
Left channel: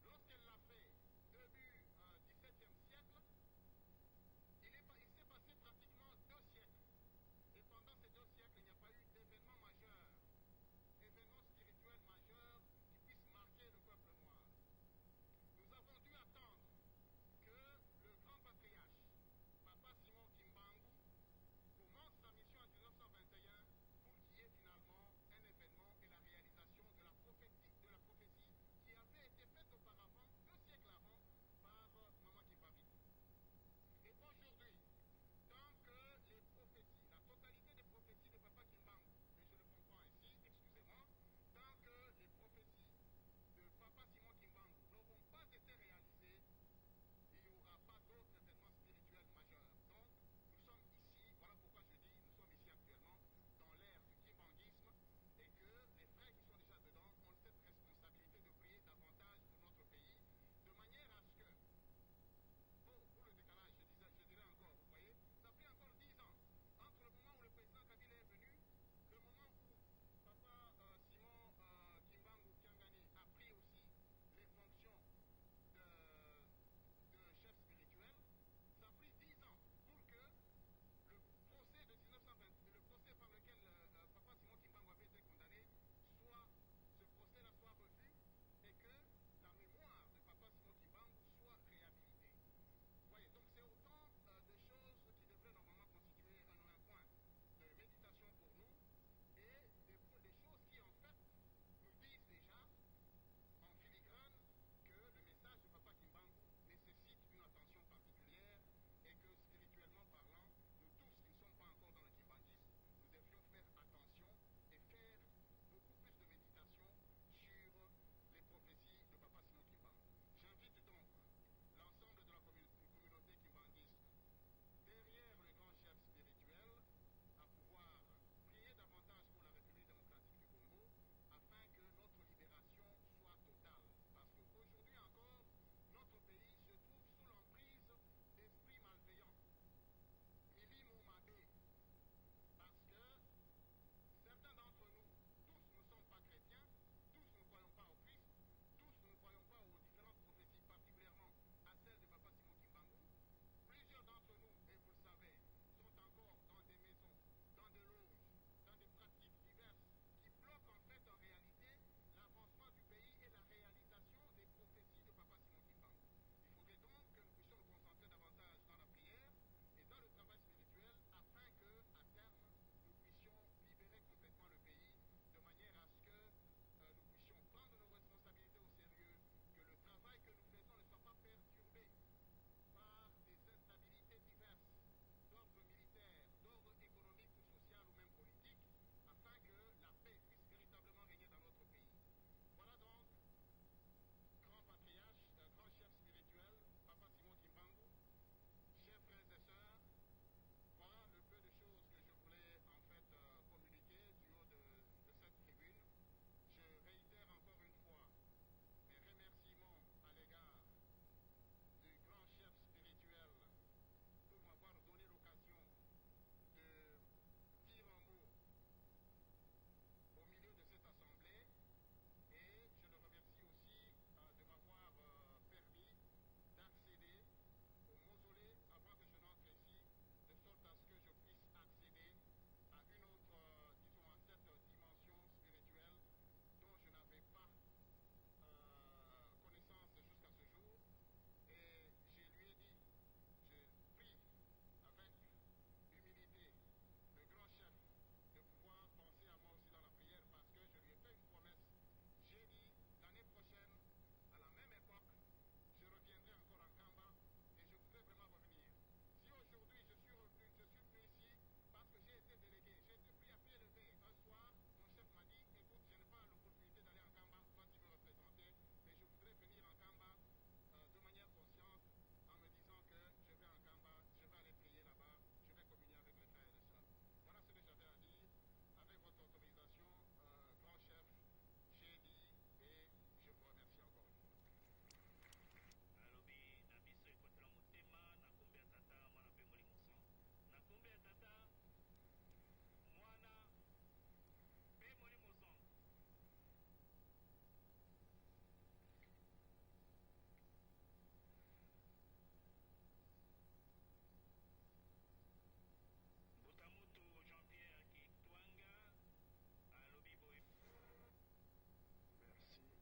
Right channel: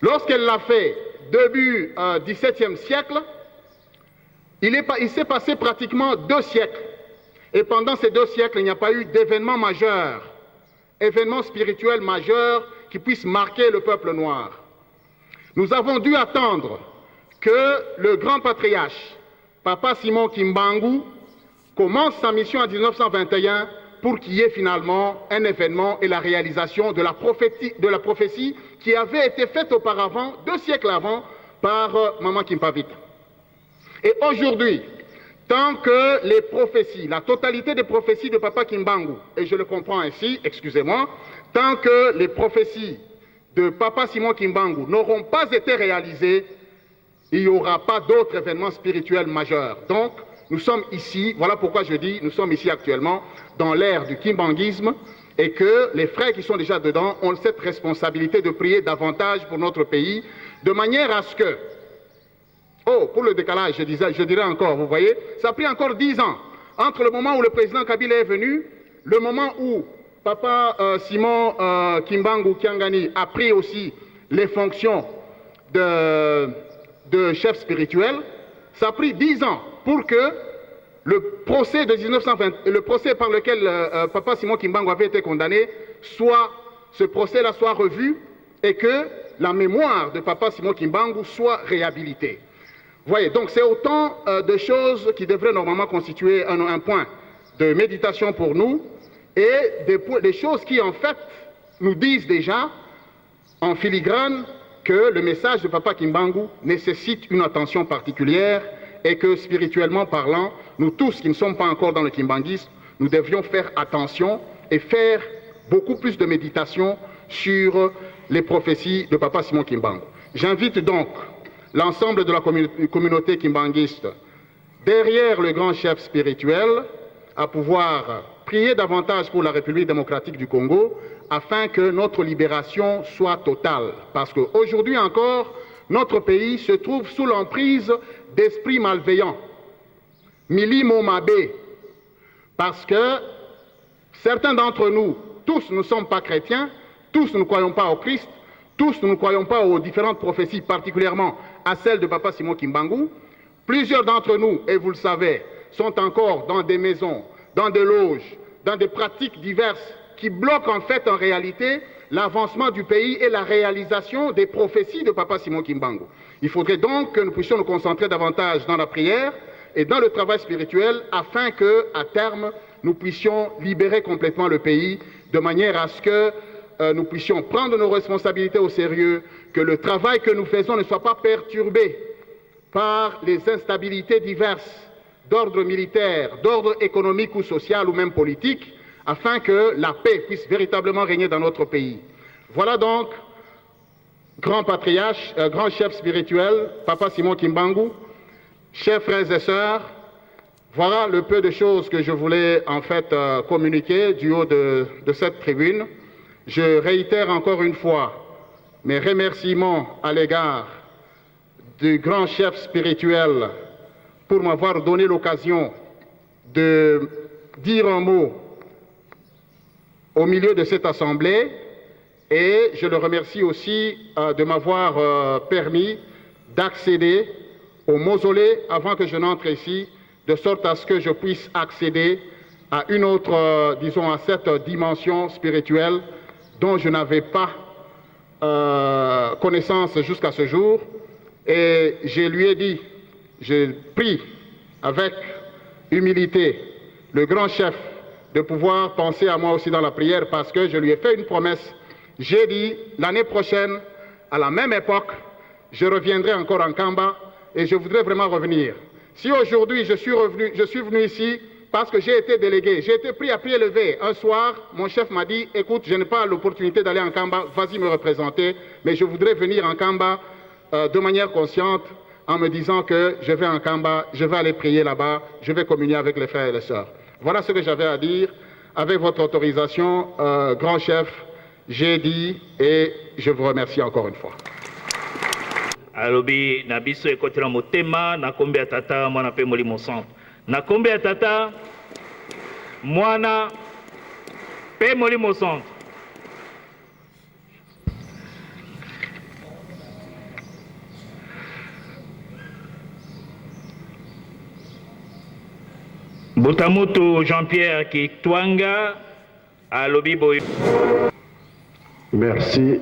lorsqu'elle l'a fait début XVIIe siècle, il s'est passé pratiquement 2 siècles. Et pendant ces 2 siècles, il n'y a pas eu d'événement majeur, événement spirituel majeur qui puisse marquer le peuple noir. Nous avons dû attendre que le grand patriarche, Papa Simon Kimbangu, commence sa mission en 1921 pour qu'il y ait finalement un événement et la réalisation de la prophétie qui avait été faite auparavant, 2 siècles avant, par Maman Kimpavita. Et aujourd'hui, tant que les prophéties, la totalité des prophéties de Papa Kimbangu, et je le comprends ainsi, excusez-moi, tant que les prophéties de Papa Simon Kimbangu n'auront pas été réalisées, il n'y aura pas d'autres événements spirituels majeurs. Donc, nous sommes ici, voilà pourquoi je dis, nous sommes ici actuellement dans l'ère du kimbanguisme et que les frères qui sont déjà dedans ont cette responsabilité de prier davantage pour notre pays, de manière à ce que, oh, pour le décalage, je dirais encore, vous voyez, ça a pris encore 10 ans entre le moment où le président Kabila est venu, le moment où Papa Simon Kimbangu Kiangani a pris aussi les fonctions de chef spirituel. Ça a pris 10 ans pour que le procès de 1920, le procès par lequel Papa Simon Kimbangu avait été condamné, ce procès-là soit revu et que la mémoire de Papa Simon Kimbangu soit réhabilitée. Vous voyez, donc c'est autant de choses qui devraient normalement constituer un point de méditation pour nous. Et des choses qui, en fait, nous disent déjà, en filigrane, que le message de Papa Kimbangu nécessite une attention particulière et que, spirituellement parlant, nous tous qui ne sommes pas encore dans le kimbanguisme, nous devions faire attention et faire beaucoup plus de méditation sur les prophéties de Papa Simon Kimbangu. J'invite donc l'ensemble de la communauté kimbanguiste, derrière le grand chef spirituel, à pouvoir prier davantage pour la République démocratique du Congo afin que notre libération soit totale. Parce qu'aujourd'hui encore, notre pays se trouve sous l'emprise d'esprits malveillants, Milimo Mabé, parce que certains d'entre nous, tous ne sommes pas chrétiens, tous nous ne croyons pas au Christ, tous nous ne croyons pas aux différentes prophéties, particulièrement à celle de Papa Simon Kimbangu. Plusieurs d'entre nous, et vous le savez, sont encore dans des maisons, dans des loges, dans des pratiques diverses qui bloquent en fait en réalité l'avancement du pays et la réalisation des prophéties de Papa Simon Kimbangu. Il faudrait donc que nous puissions nous concentrer davantage dans la prière et dans le travail spirituel afin que, à terme, nous puissions libérer complètement le pays de manière à ce que nous puissions prendre nos responsabilités au sérieux, que le travail que nous faisons ne soit pas perturbé par les instabilités diverses d'ordre militaire, d'ordre économique ou social ou même politique, afin que la paix puisse véritablement régner dans notre pays. Voilà donc, grand patriarche, grand chef spirituel, Papa Simon Kimbangu, chers frères et sœurs, voilà le peu de choses que je voulais en fait communiquer du haut de cette tribune. Je réitère encore une fois mes remerciements à l'égard du grand chef spirituel pour m'avoir donné l'occasion de dire un mot au milieu de cette assemblée, et je le remercie aussi de m'avoir permis d'accéder au mausolée avant que je n'entre ici, de sorte à ce que je puisse accéder à une autre, disons, à cette dimension spirituelle dont je n'avais pas connaissance jusqu'à ce jour. Et je lui ai dit, je prie avec humilité le grand chef de pouvoir penser à moi aussi dans la prière, parce que je lui ai fait une promesse. J'ai dit, l'année prochaine, à la même époque, je reviendrai encore en Kamba et je voudrais vraiment revenir. Si aujourd'hui je suis venu ici parce que j'ai été délégué, j'ai été pris à pied levé. Un soir, mon chef m'a dit, écoute, je n'ai pas l'opportunité d'aller en Kamba, vas-y me représenter, mais je voudrais venir en Kamba de manière consciente, en me disant que je vais en Kamba, je vais aller prier là-bas, je vais communier avec les frères et les sœurs. Voilà ce que j'avais à dire avec votre autorisation, grand chef, j'ai dit et je vous remercie encore une fois. Alobi na biso ekotela motema na kombe ya tata mwana pe molimo centre. Na kombe ya tata mwana pe molimo centre. Botamoto Jean-Pierre Kitwanga alobi boy. Merci.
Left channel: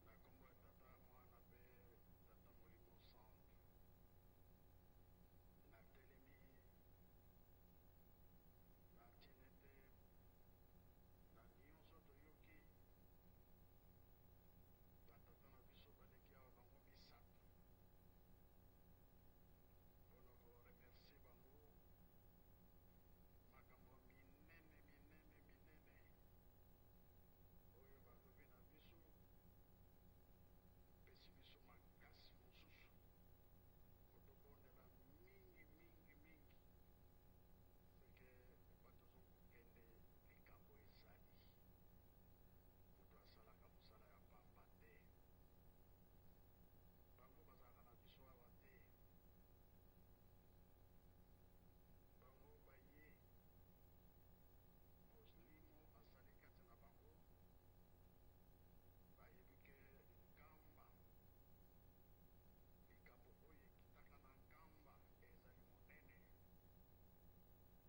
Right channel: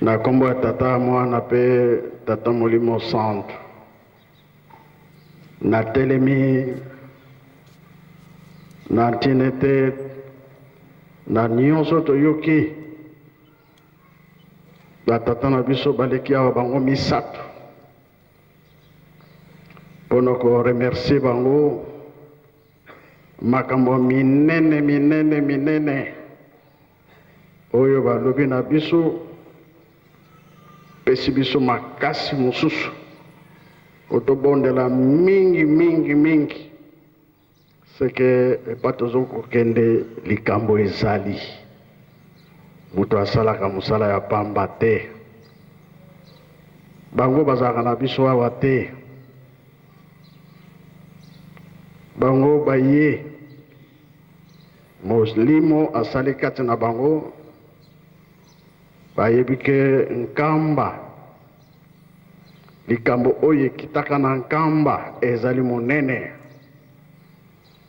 Na kombo ya tata mwana pe tata molimo centre. Na telemi na tinete na nyonso toyoki ba tata na biso baleki awa bango misato. Pono ko remercier bango makambo minene oyo balobi na biso pesi biso makasi mosusu otobondela mingi seke epa tozokokende likambo ezali moto asalaka mosala ya pamba te bango bazalaka na biso awa te bango baye moslimo asali kati na bango bayebi ke nkamba likambo oyo ekitaka na nkamba ezali monene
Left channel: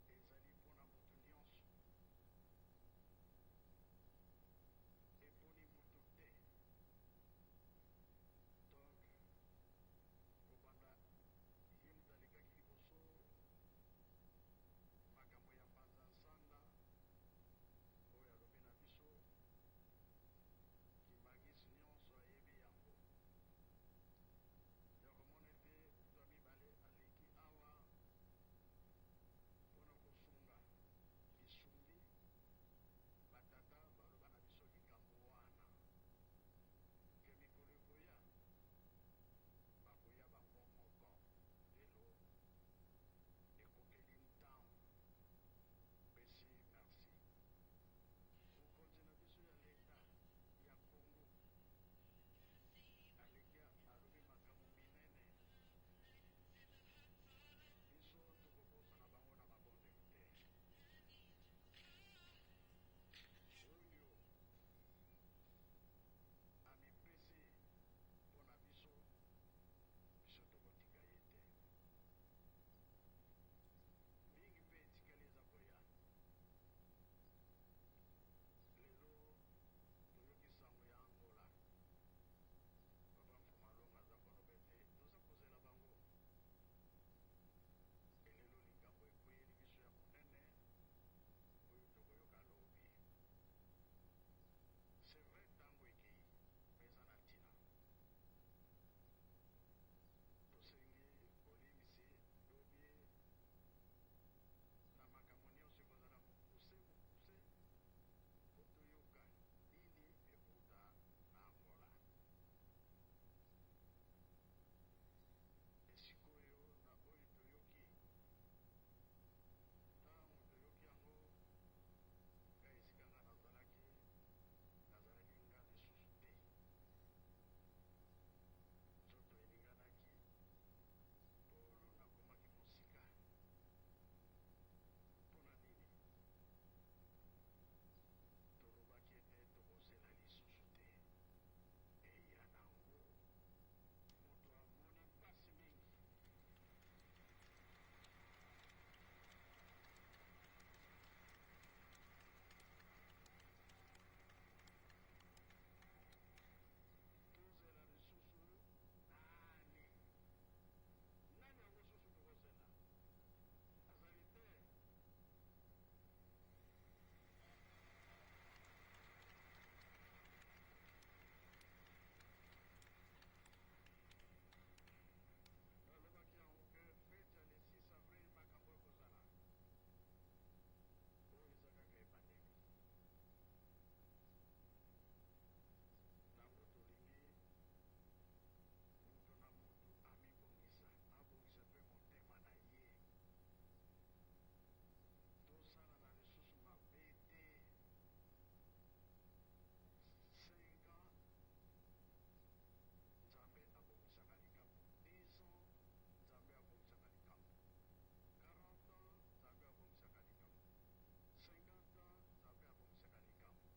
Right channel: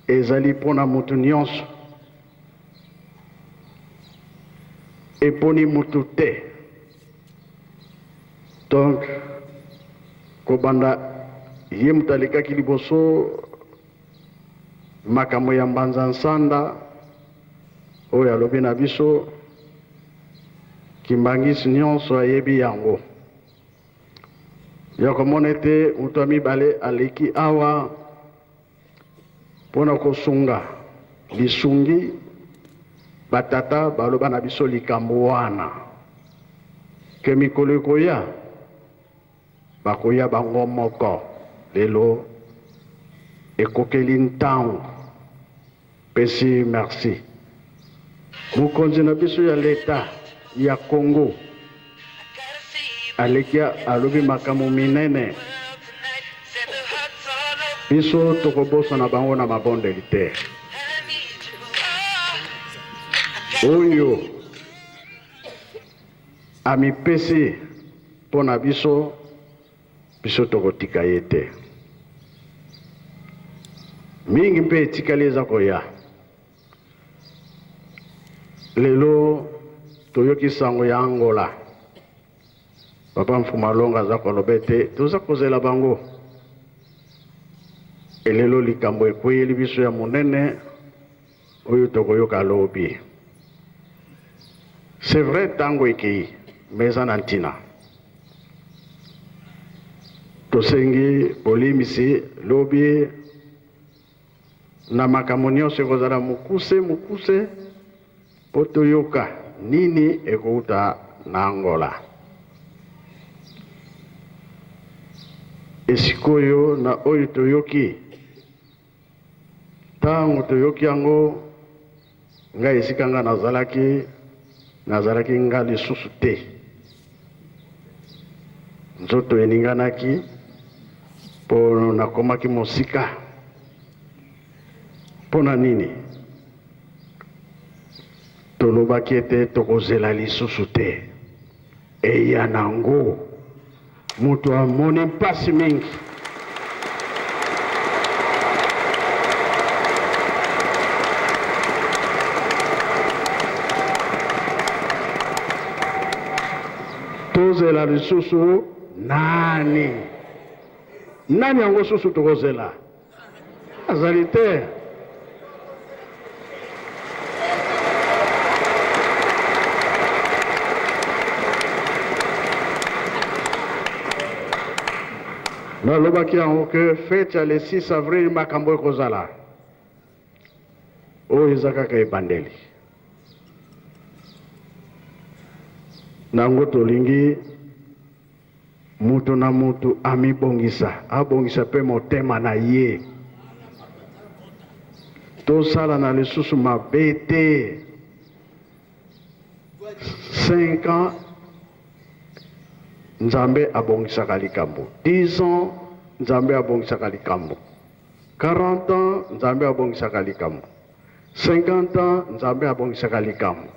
ezali mpona motu nyonso eponi motu te donc kobanda ye moto alekaki liboso makambo ya mbanza nsanda oyo alobi na biso kimbangisi nyonso ayebi yango ya komona ete moto ya mibale aleki awa mpona kosunga lisungi batata baloba na biso likambo wana ke mikolo ekoya bakoya bango moko lelo ekokeli ntango pesi merci mokonzi na biso ya leta ya Congo aleki alobi makambo minene biso tokobosana bango na mabondeli te oyo amipesi mpo na biso tokotika ye te mingi mpe etikali eza koya lelo toyoki sango ya Angola papa Mfumalonga aza koloba ete toza kozela bango elelo likambo ekweyeli biso ya monene oyo tokoyoka lobi c'est vrai ntango ekei me eza na ntina tosengi bolimisi lobi na makambo nyonso ekozala mokuse mpo toyoka nini ekouta na Angola esikoyo na oyo toyoki ntango toyoki yango ngai esika nga nazalaki nga lisusu te nzoto eninganaki mpo nakomaki mosika mpona nini tolobaki ete tokozela lisusu te eya nango moto amoni mpasi mingi tozela lisusu nani yango susu tokozela azali te nalobaki yango ke fete ya le 6 avril makambo ekozala oyo eza kaka ebandeli nango tolingi mutu na mutu abongisa mpe motema na ye tosala na lisusu mabe te. 5 ans Nzambe abongisaka likambo. 10 ans Nzambe abongisaka likambo. 40 ans Nzambe abongisaka likambo. 50 ans Nzambe abongisaka likambo.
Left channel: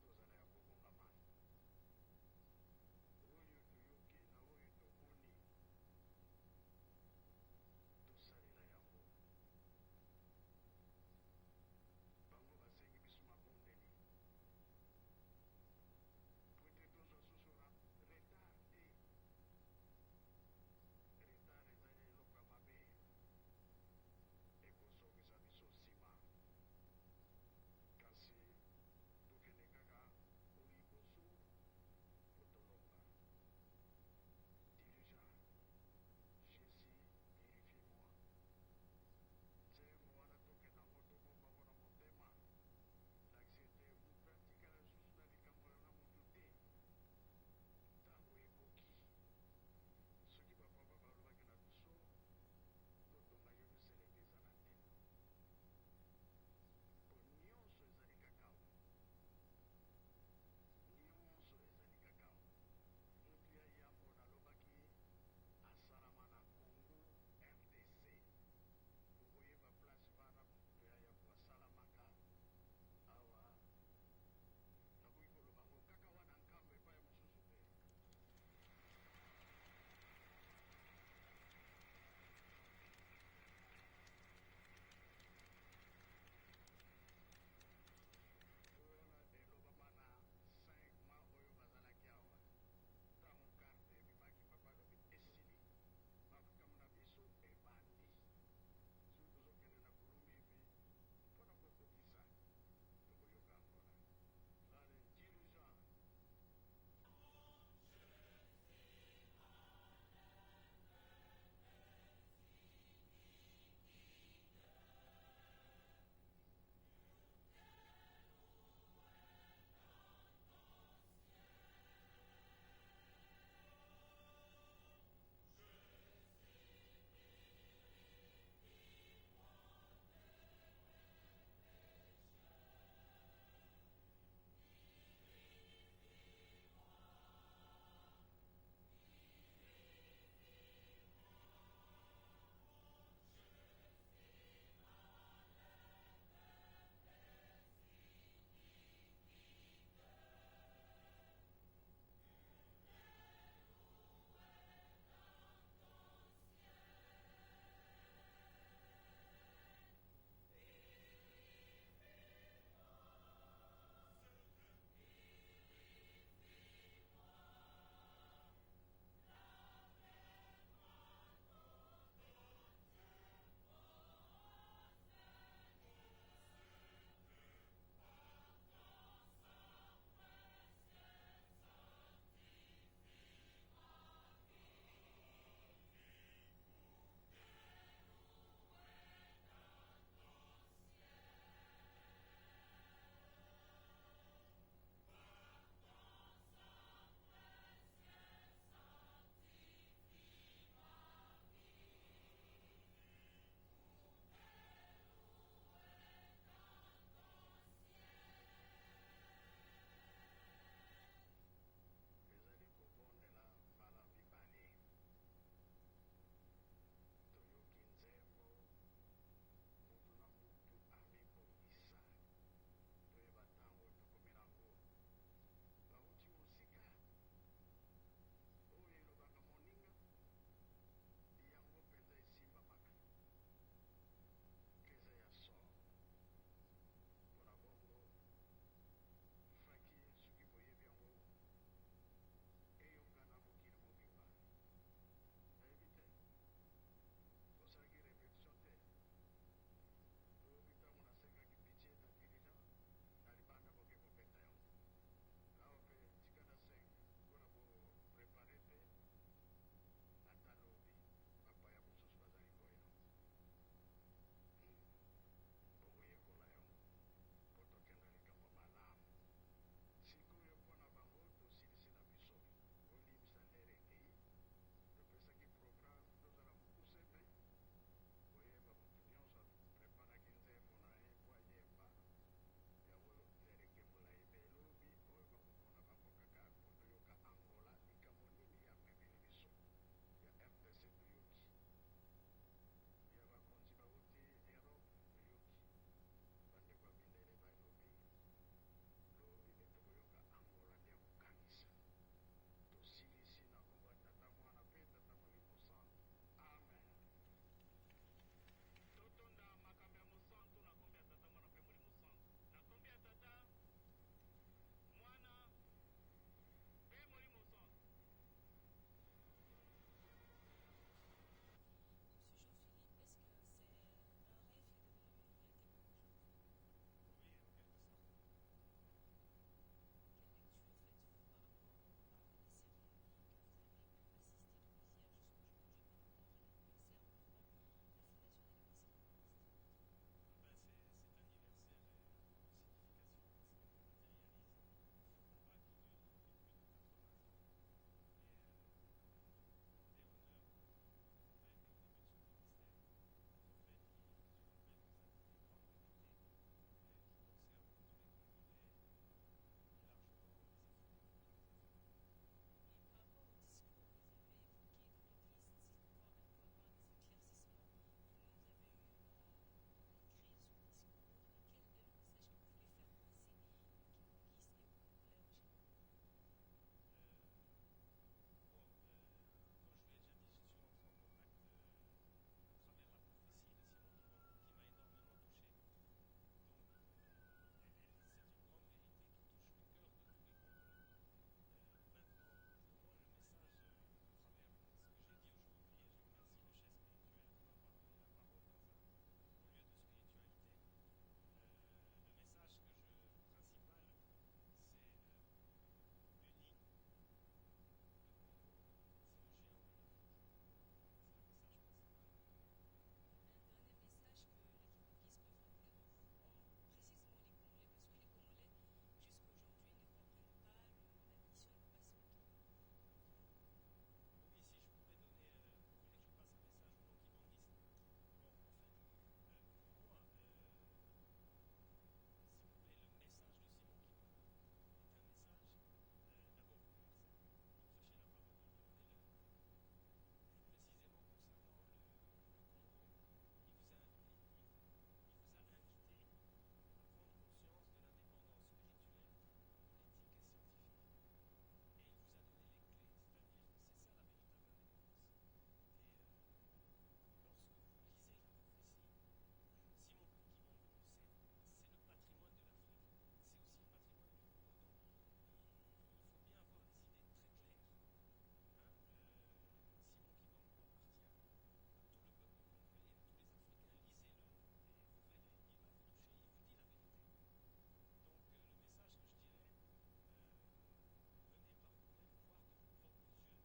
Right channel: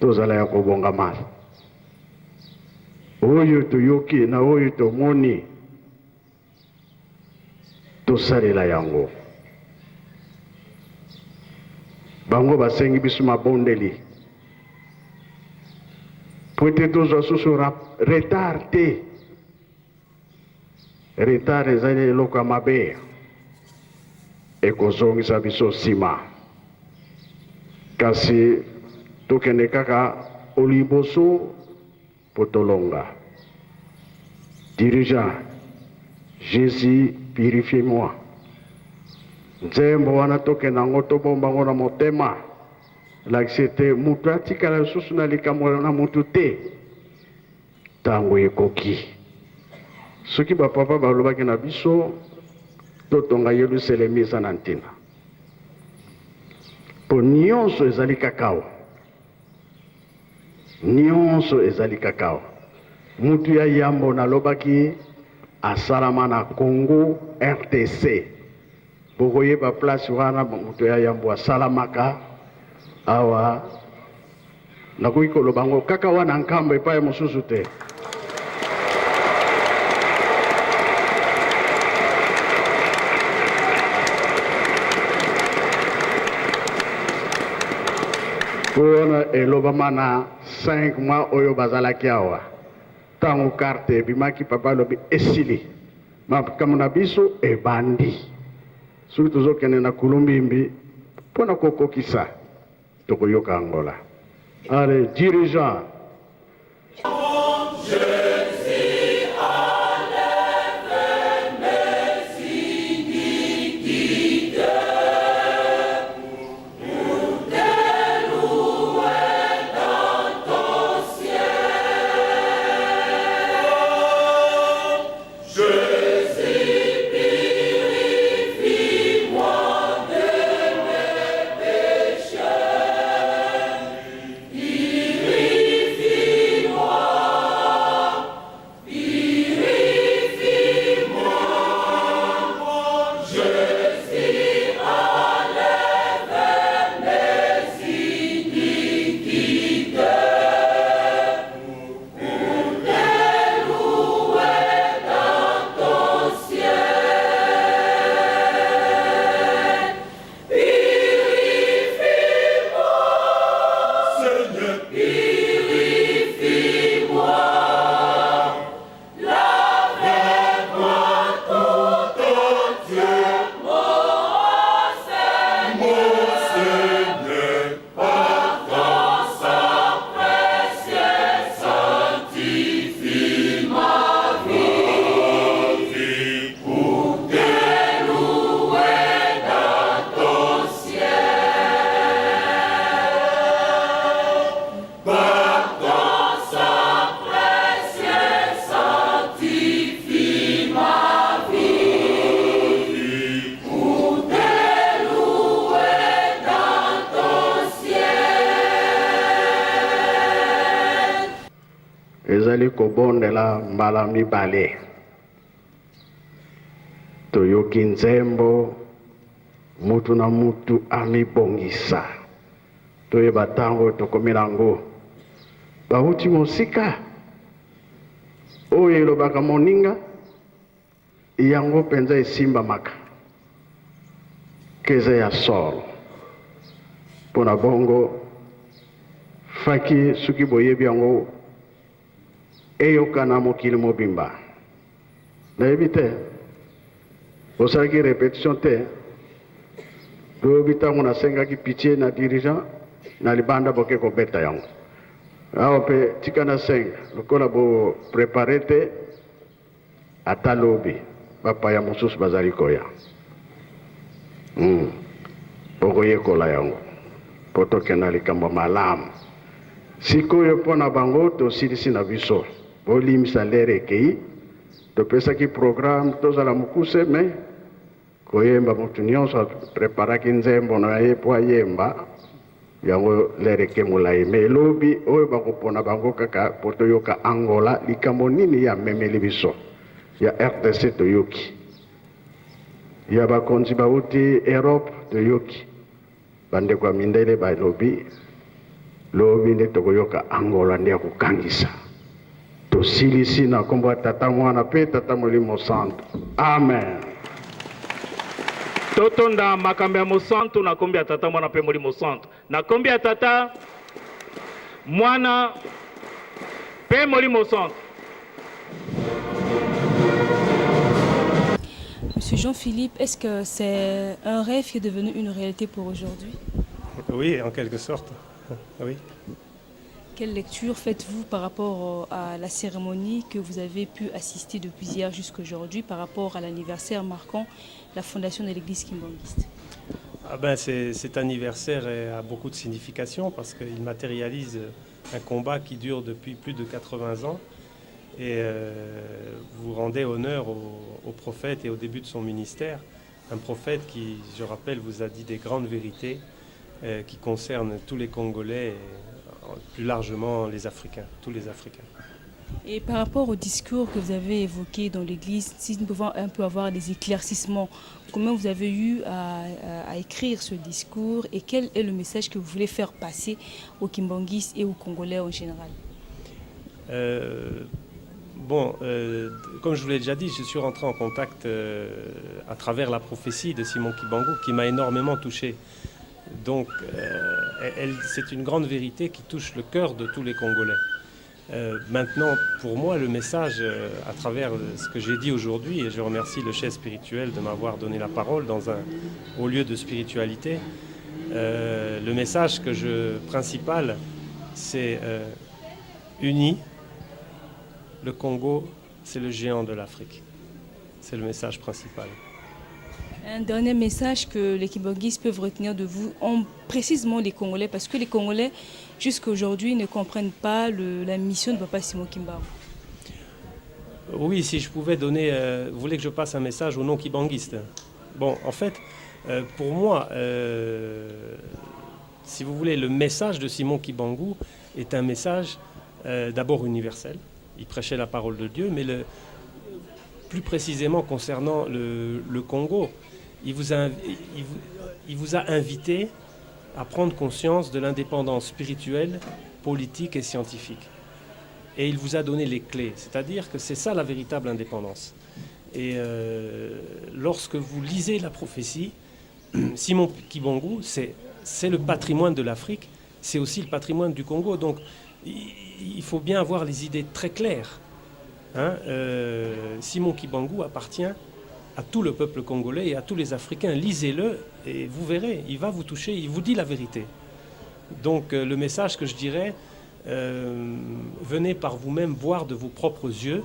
Tozala ya kobonga mali. Oyo toyoki na oyo tomoni tosalela yango. Bango basengi biso mabondeli. Poete tozwa susu retard te. Retard ezali eloko ya mabe. Ekozongisa biso nsima. Kasi tokende kaka oliboso potolonga. Dirigeant, Jésus, purifie-moi. Nzembo wana tokende yango tobomba ngo na motema. Lakisete mutu atikala lisusu na likambo na mutu te. Tango ekoki. Soki bapapa balobaki na biso totonga Yerusalemi eza na ntina. Po nyonso ezali kakao. Nyonso ezali kakao. Mutu ya yambo nalobaki asalama na Congo RTC. Bokoyeba place wana mutu ya yambo asalamaka awa nakoki koloba ngo kaka wana nkambo epai mosusu te. Wana elobama na 5 mois oyo bazalaki awa. Tango karte ebimaki papa lobi esili. Makambo na biso ebandi. Soki tozokende na Kulumbimbi mpona kokokisa tokoyoka Angola. Allez, dirigeant. ezali kobondela mbala mibale. Toyoki nzembo mutu na mutu amibongisa. Toyeba tango tokomi nango. Bauti mosika oyo elobaka moninga yango penza esimba maka keza ya solo. Pona bongo faki suki boyebi yango eyokana mokili mobimba. Nayebi te osalaki répétition te lobi ntango nasengaki pitié na dirigeant na libanda boke kobeta yango. Awa mpe tika na senga lokola bo prépare te ata lobi bapaya mosusu bazali koya. Bokoyekola yango po tokenda likambo malamu. Sikoyo mpona bango tosilisi na biso bolimisa lere ekei topesaki programme tozala mokuse me koyemba mutu nyonso preparaki nzembo na ye po ayemba yango lereke molai me elobi oyo bakopona bango kaka po toyoka Angola likambo nini ya memeli biso ya RDC toyoki ya bakonzi bauti Europe toyoki bandeko ya mindele balobi lobi nde tokoyoka Angola nde ya kokangisa tosilisi na kombo ya Tata Mwana mpe Tata Molimo Santo amen. Totonda makambo ya mosantu na kombi ya Tata Mwana mpe Molimo Santo na kombi ya Tata Mwana mpe Molimo Santo. Monsieur Jean-Philippe, est-ce que c'est un rêve qui est devenu une réalité pour aujourd'hui? Oui, en quelque sorte. Oui. Quelle lecture faites-vous par rapport à la cérémonie que vous avez pu assister depuis hier jusqu'à aujourd'hui par rapport à l'anniversaire marquant la fondation de l'église kimbanguiste? Cet anniversaire a beaucoup de signification parce qu'il matérialise un combat qui dure depuis plus de 80 ans et vous rendez honneur au prophète et au début de son ministère, un prophète qui, je rappelle, vous a dit des grandes vérités qui concernent tous les Congolais et plus largement les Africains, tous les Africains. Et par rapport au discours que vous avez évoqué dans l'église, si nous pouvons un peu avoir des éclaircissements, comment vous avez eu à écrire ce discours et quel est le message que vous voulez faire passer aux Kimbanguistes et aux Congolais en général? Comme je vous l'ai déjà dit, je suis rentré en contact à travers la prophétie de Simon Kimbangu qui m'a énormément touché. Donc, c'est une grande vérité qui touche le cœur de tous les Congolais. Maintenant, pour moi, le message, à travers ce que j'ai dit aujourd'hui, et je remercie le chef spirituel de m'avoir donné la parole dans un haut lieu de spiritualité, le message principal, c'est uni. Le Congo, c'est le géant de l'Afrique. C'est le message principal. Un dernier message que les Kimbanguistes peuvent retenir de vous, précisément les Congolais, parce que les Congolais, jusqu'à aujourd'hui, ne comprennent pas la mission de Papa Simon Kimbangu. Oui, si je pouvais donner... vous voulez que je passe un message aux non-Kimbanguistes? Bon, en fait, pour moi, si vous voulez, le message de Simon Kimbangu est un message d'abord universel. Il prêchait la parole de Dieu, mais plus précisément concernant le Congo, il vous a invité à prendre conscience de l'indépendance spirituelle, politique et scientifique. Et il vous a donné les clés, c'est-à-dire que c'est ça la véritable indépendance. Et lorsque vous lisez la prophétie, Simon Kimbangu, c'est le patrimoine de l'Afrique, c'est aussi le patrimoine du Congo. Donc il faut bien avoir les idées très claires. Simon Kimbangu appartient à tout le peuple congolais et à tous les Africains. Lisez-le et vous verrez, il va vous toucher, il vous dit la vérité. Donc le message que je dirais, venez par vous-même voir de vos propres yeux.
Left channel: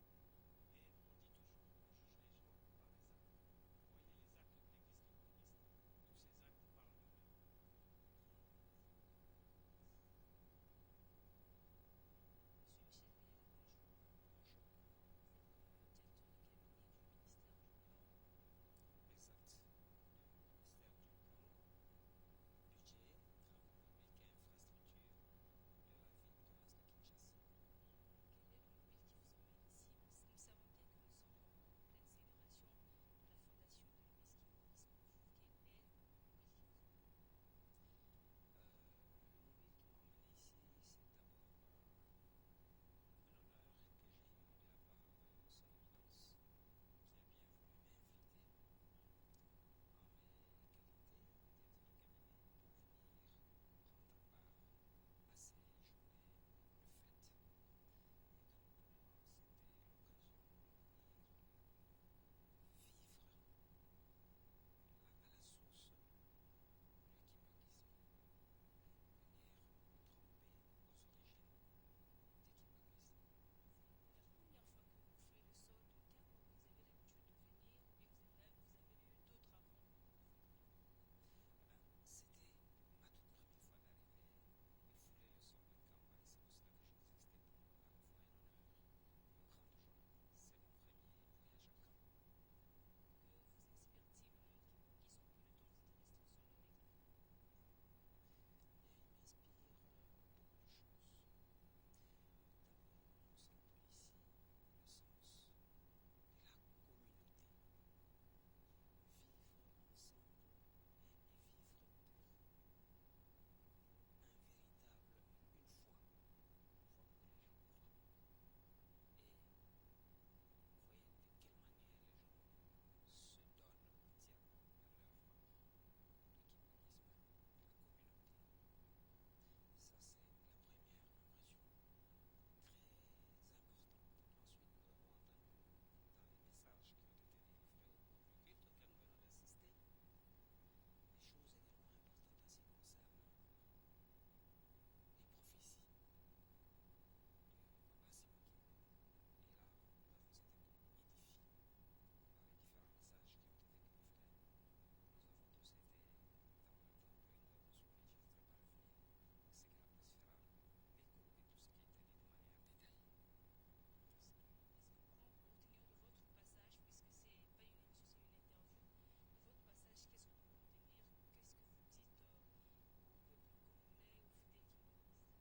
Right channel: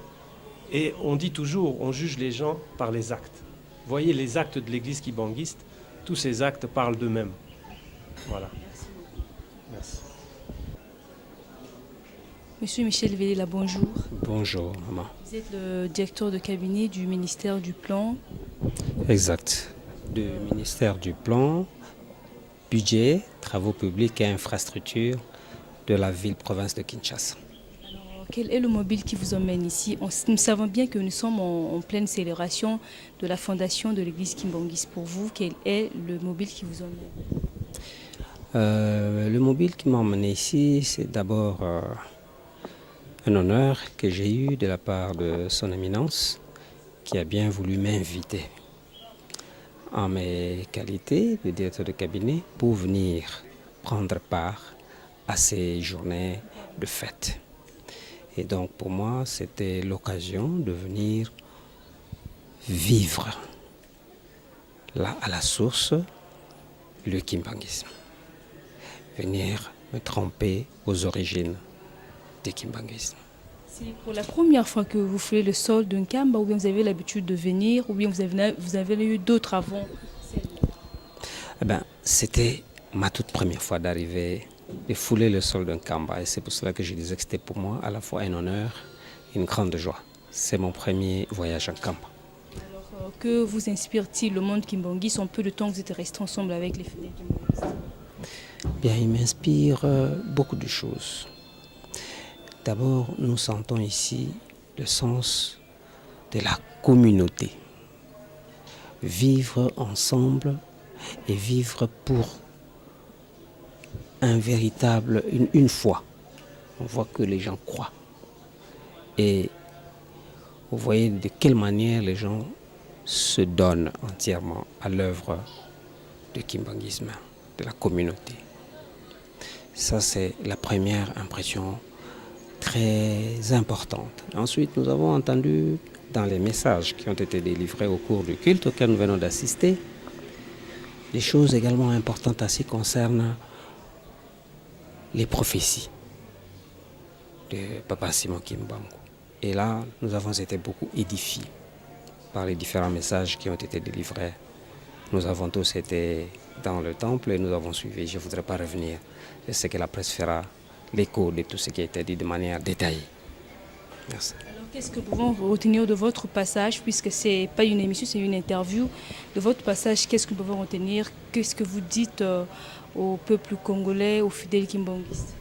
Et on dit toujours, on juge les gens par les actes. Voyez les actes de l'église kimbanguiste, tous ces actes parlent d'eux-mêmes. Voilà. Merci. Monsieur Michel Velela, bonjour. Bonjour, maman. Vous êtes le directeur de cabinet du ministère du Plan. Exact. Du ministère du Plan, Budget, Travaux publics et Infrastructures de la ville-province de Kinshasa. Alors, quel est le mobile qui vous emmène ici? Nous savons bien que nous sommes en pleine célébration de la fondation de l'église kimbanguiste. Pour vous, quel est le mobile qui vous emmène? Le mobile qui m'a emmené ici, c'est d'abord un honneur que j'ai eu de la part de son éminence qui a bien voulu m'inviter en mes qualités de directeur de cabinet pour venir prendre part à ces journées de fête. Et donc pour moi, c'était l'occasion de venir vivre là à la source le kimbanguisme. Venir me tremper aux origines du kimbanguisme. C'est pour la première fois que vous faites le sol d'un Kamba, ou bien vous avez l'habitude de venir, ou bien vous avez eu d'autres avant? C'était ma toute première fois d'arriver, de fouler le sol d'un Kamba. Et c'est pour cela que je disais que c'était pour moi à la fois un honneur et une grande joie. C'est mon premier voyage en Kamba. Alors, Que vous inspire-t-il le monde kimbangiste en peu de temps que vous êtes restés ensemble avec les fidèles kimbangistes? Bien, il m'inspire beaucoup de choses. D'abord, nous sentons ici le sens de la communauté. Vivre ensemble et vivre pour une foi. On voit que les gens croient. Et vous voyez de quelle manière les gens se donnent entièrement à l'œuvre du kimbanguisme, de la communauté. Ça, c'est la première impression très importante. Ensuite, nous avons entendu dans les messages qui ont été délivrés au cours du culte auquel nous venons d'assister, des choses également importantes à ce qui concerne les prophéties de Papa Simon Kimbangu. Et là, nous avons été beaucoup édifiés par les différents messages qui ont été délivrés. Nous avons tous été dans le temple et nous avons suivi. Je ne voudrais pas revenir. Je sais que la presse fera l'écho de tout ce qui a été dit de manière détaillée. Merci. Alors, qu'est-ce que nous pouvons retenir de votre passage, puisque ce n'est pas une émission, c'est une interview. De votre passage, qu'est-ce que nous pouvons retenir? Qu'est-ce que vous dites au peuple congolais, aux fidèles kimbanguistes?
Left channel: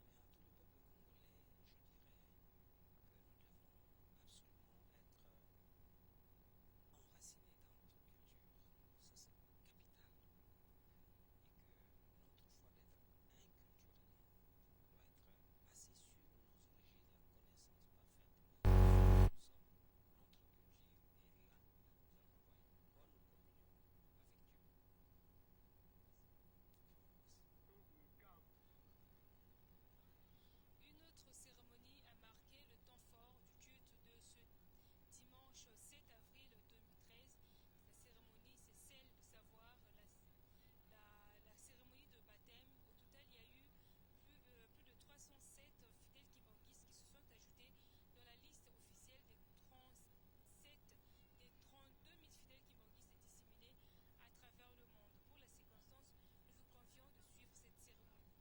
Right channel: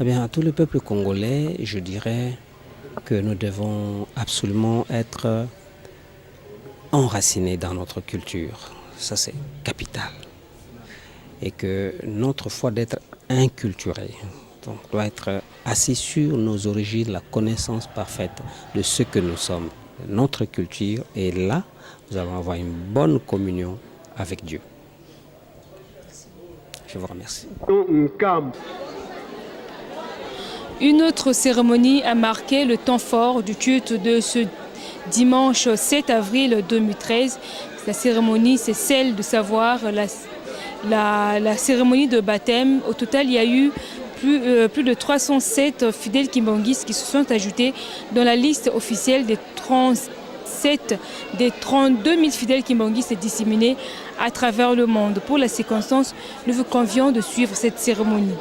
Eh bien, à tout le peuple congolais, je dirais que nous devons absolument être enracinés dans notre culture. Ça, c'est capital. Et que notre foi d'être inculturé donc, doit être assis sur nos origines, la connaissance parfaite de ce que nous sommes, de notre culture. Et là, nous allons avoir une bonne communion avec Dieu. Je vous remercie. Une autre cérémonie a marqué le temps fort du culte de ce dimanche 7 avril 2013. La cérémonie, c'est celle de savoir la cérémonie de baptême. Au total, il y a eu plus de 307 fidèles kimbanguistes qui se sont ajoutés dans la liste officielle des 32 000 fidèles kimbanguistes disséminés à travers le monde. Pour la circonstance, nous vous convions de suivre cette cérémonie.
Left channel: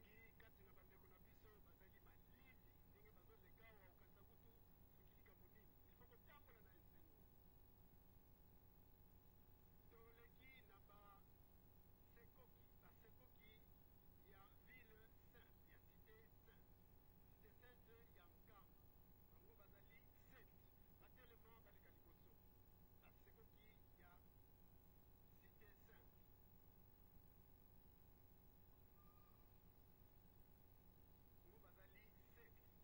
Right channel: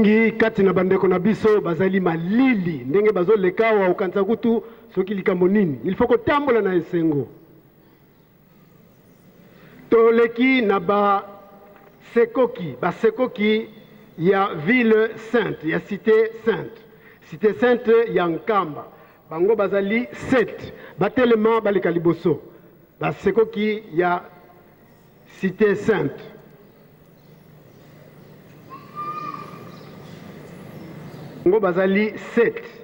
mingi kati na bandeko na biso bazali malili ndenge bazoleka wa okanisa kutu soki likambo nini il faut kotambola na esengo toleki na basekoki ya ville sainte ya cité sainte ya Nkamba bango bazali 7 batelema baleka liboso basekoki ya cité sainte ngo bazali 7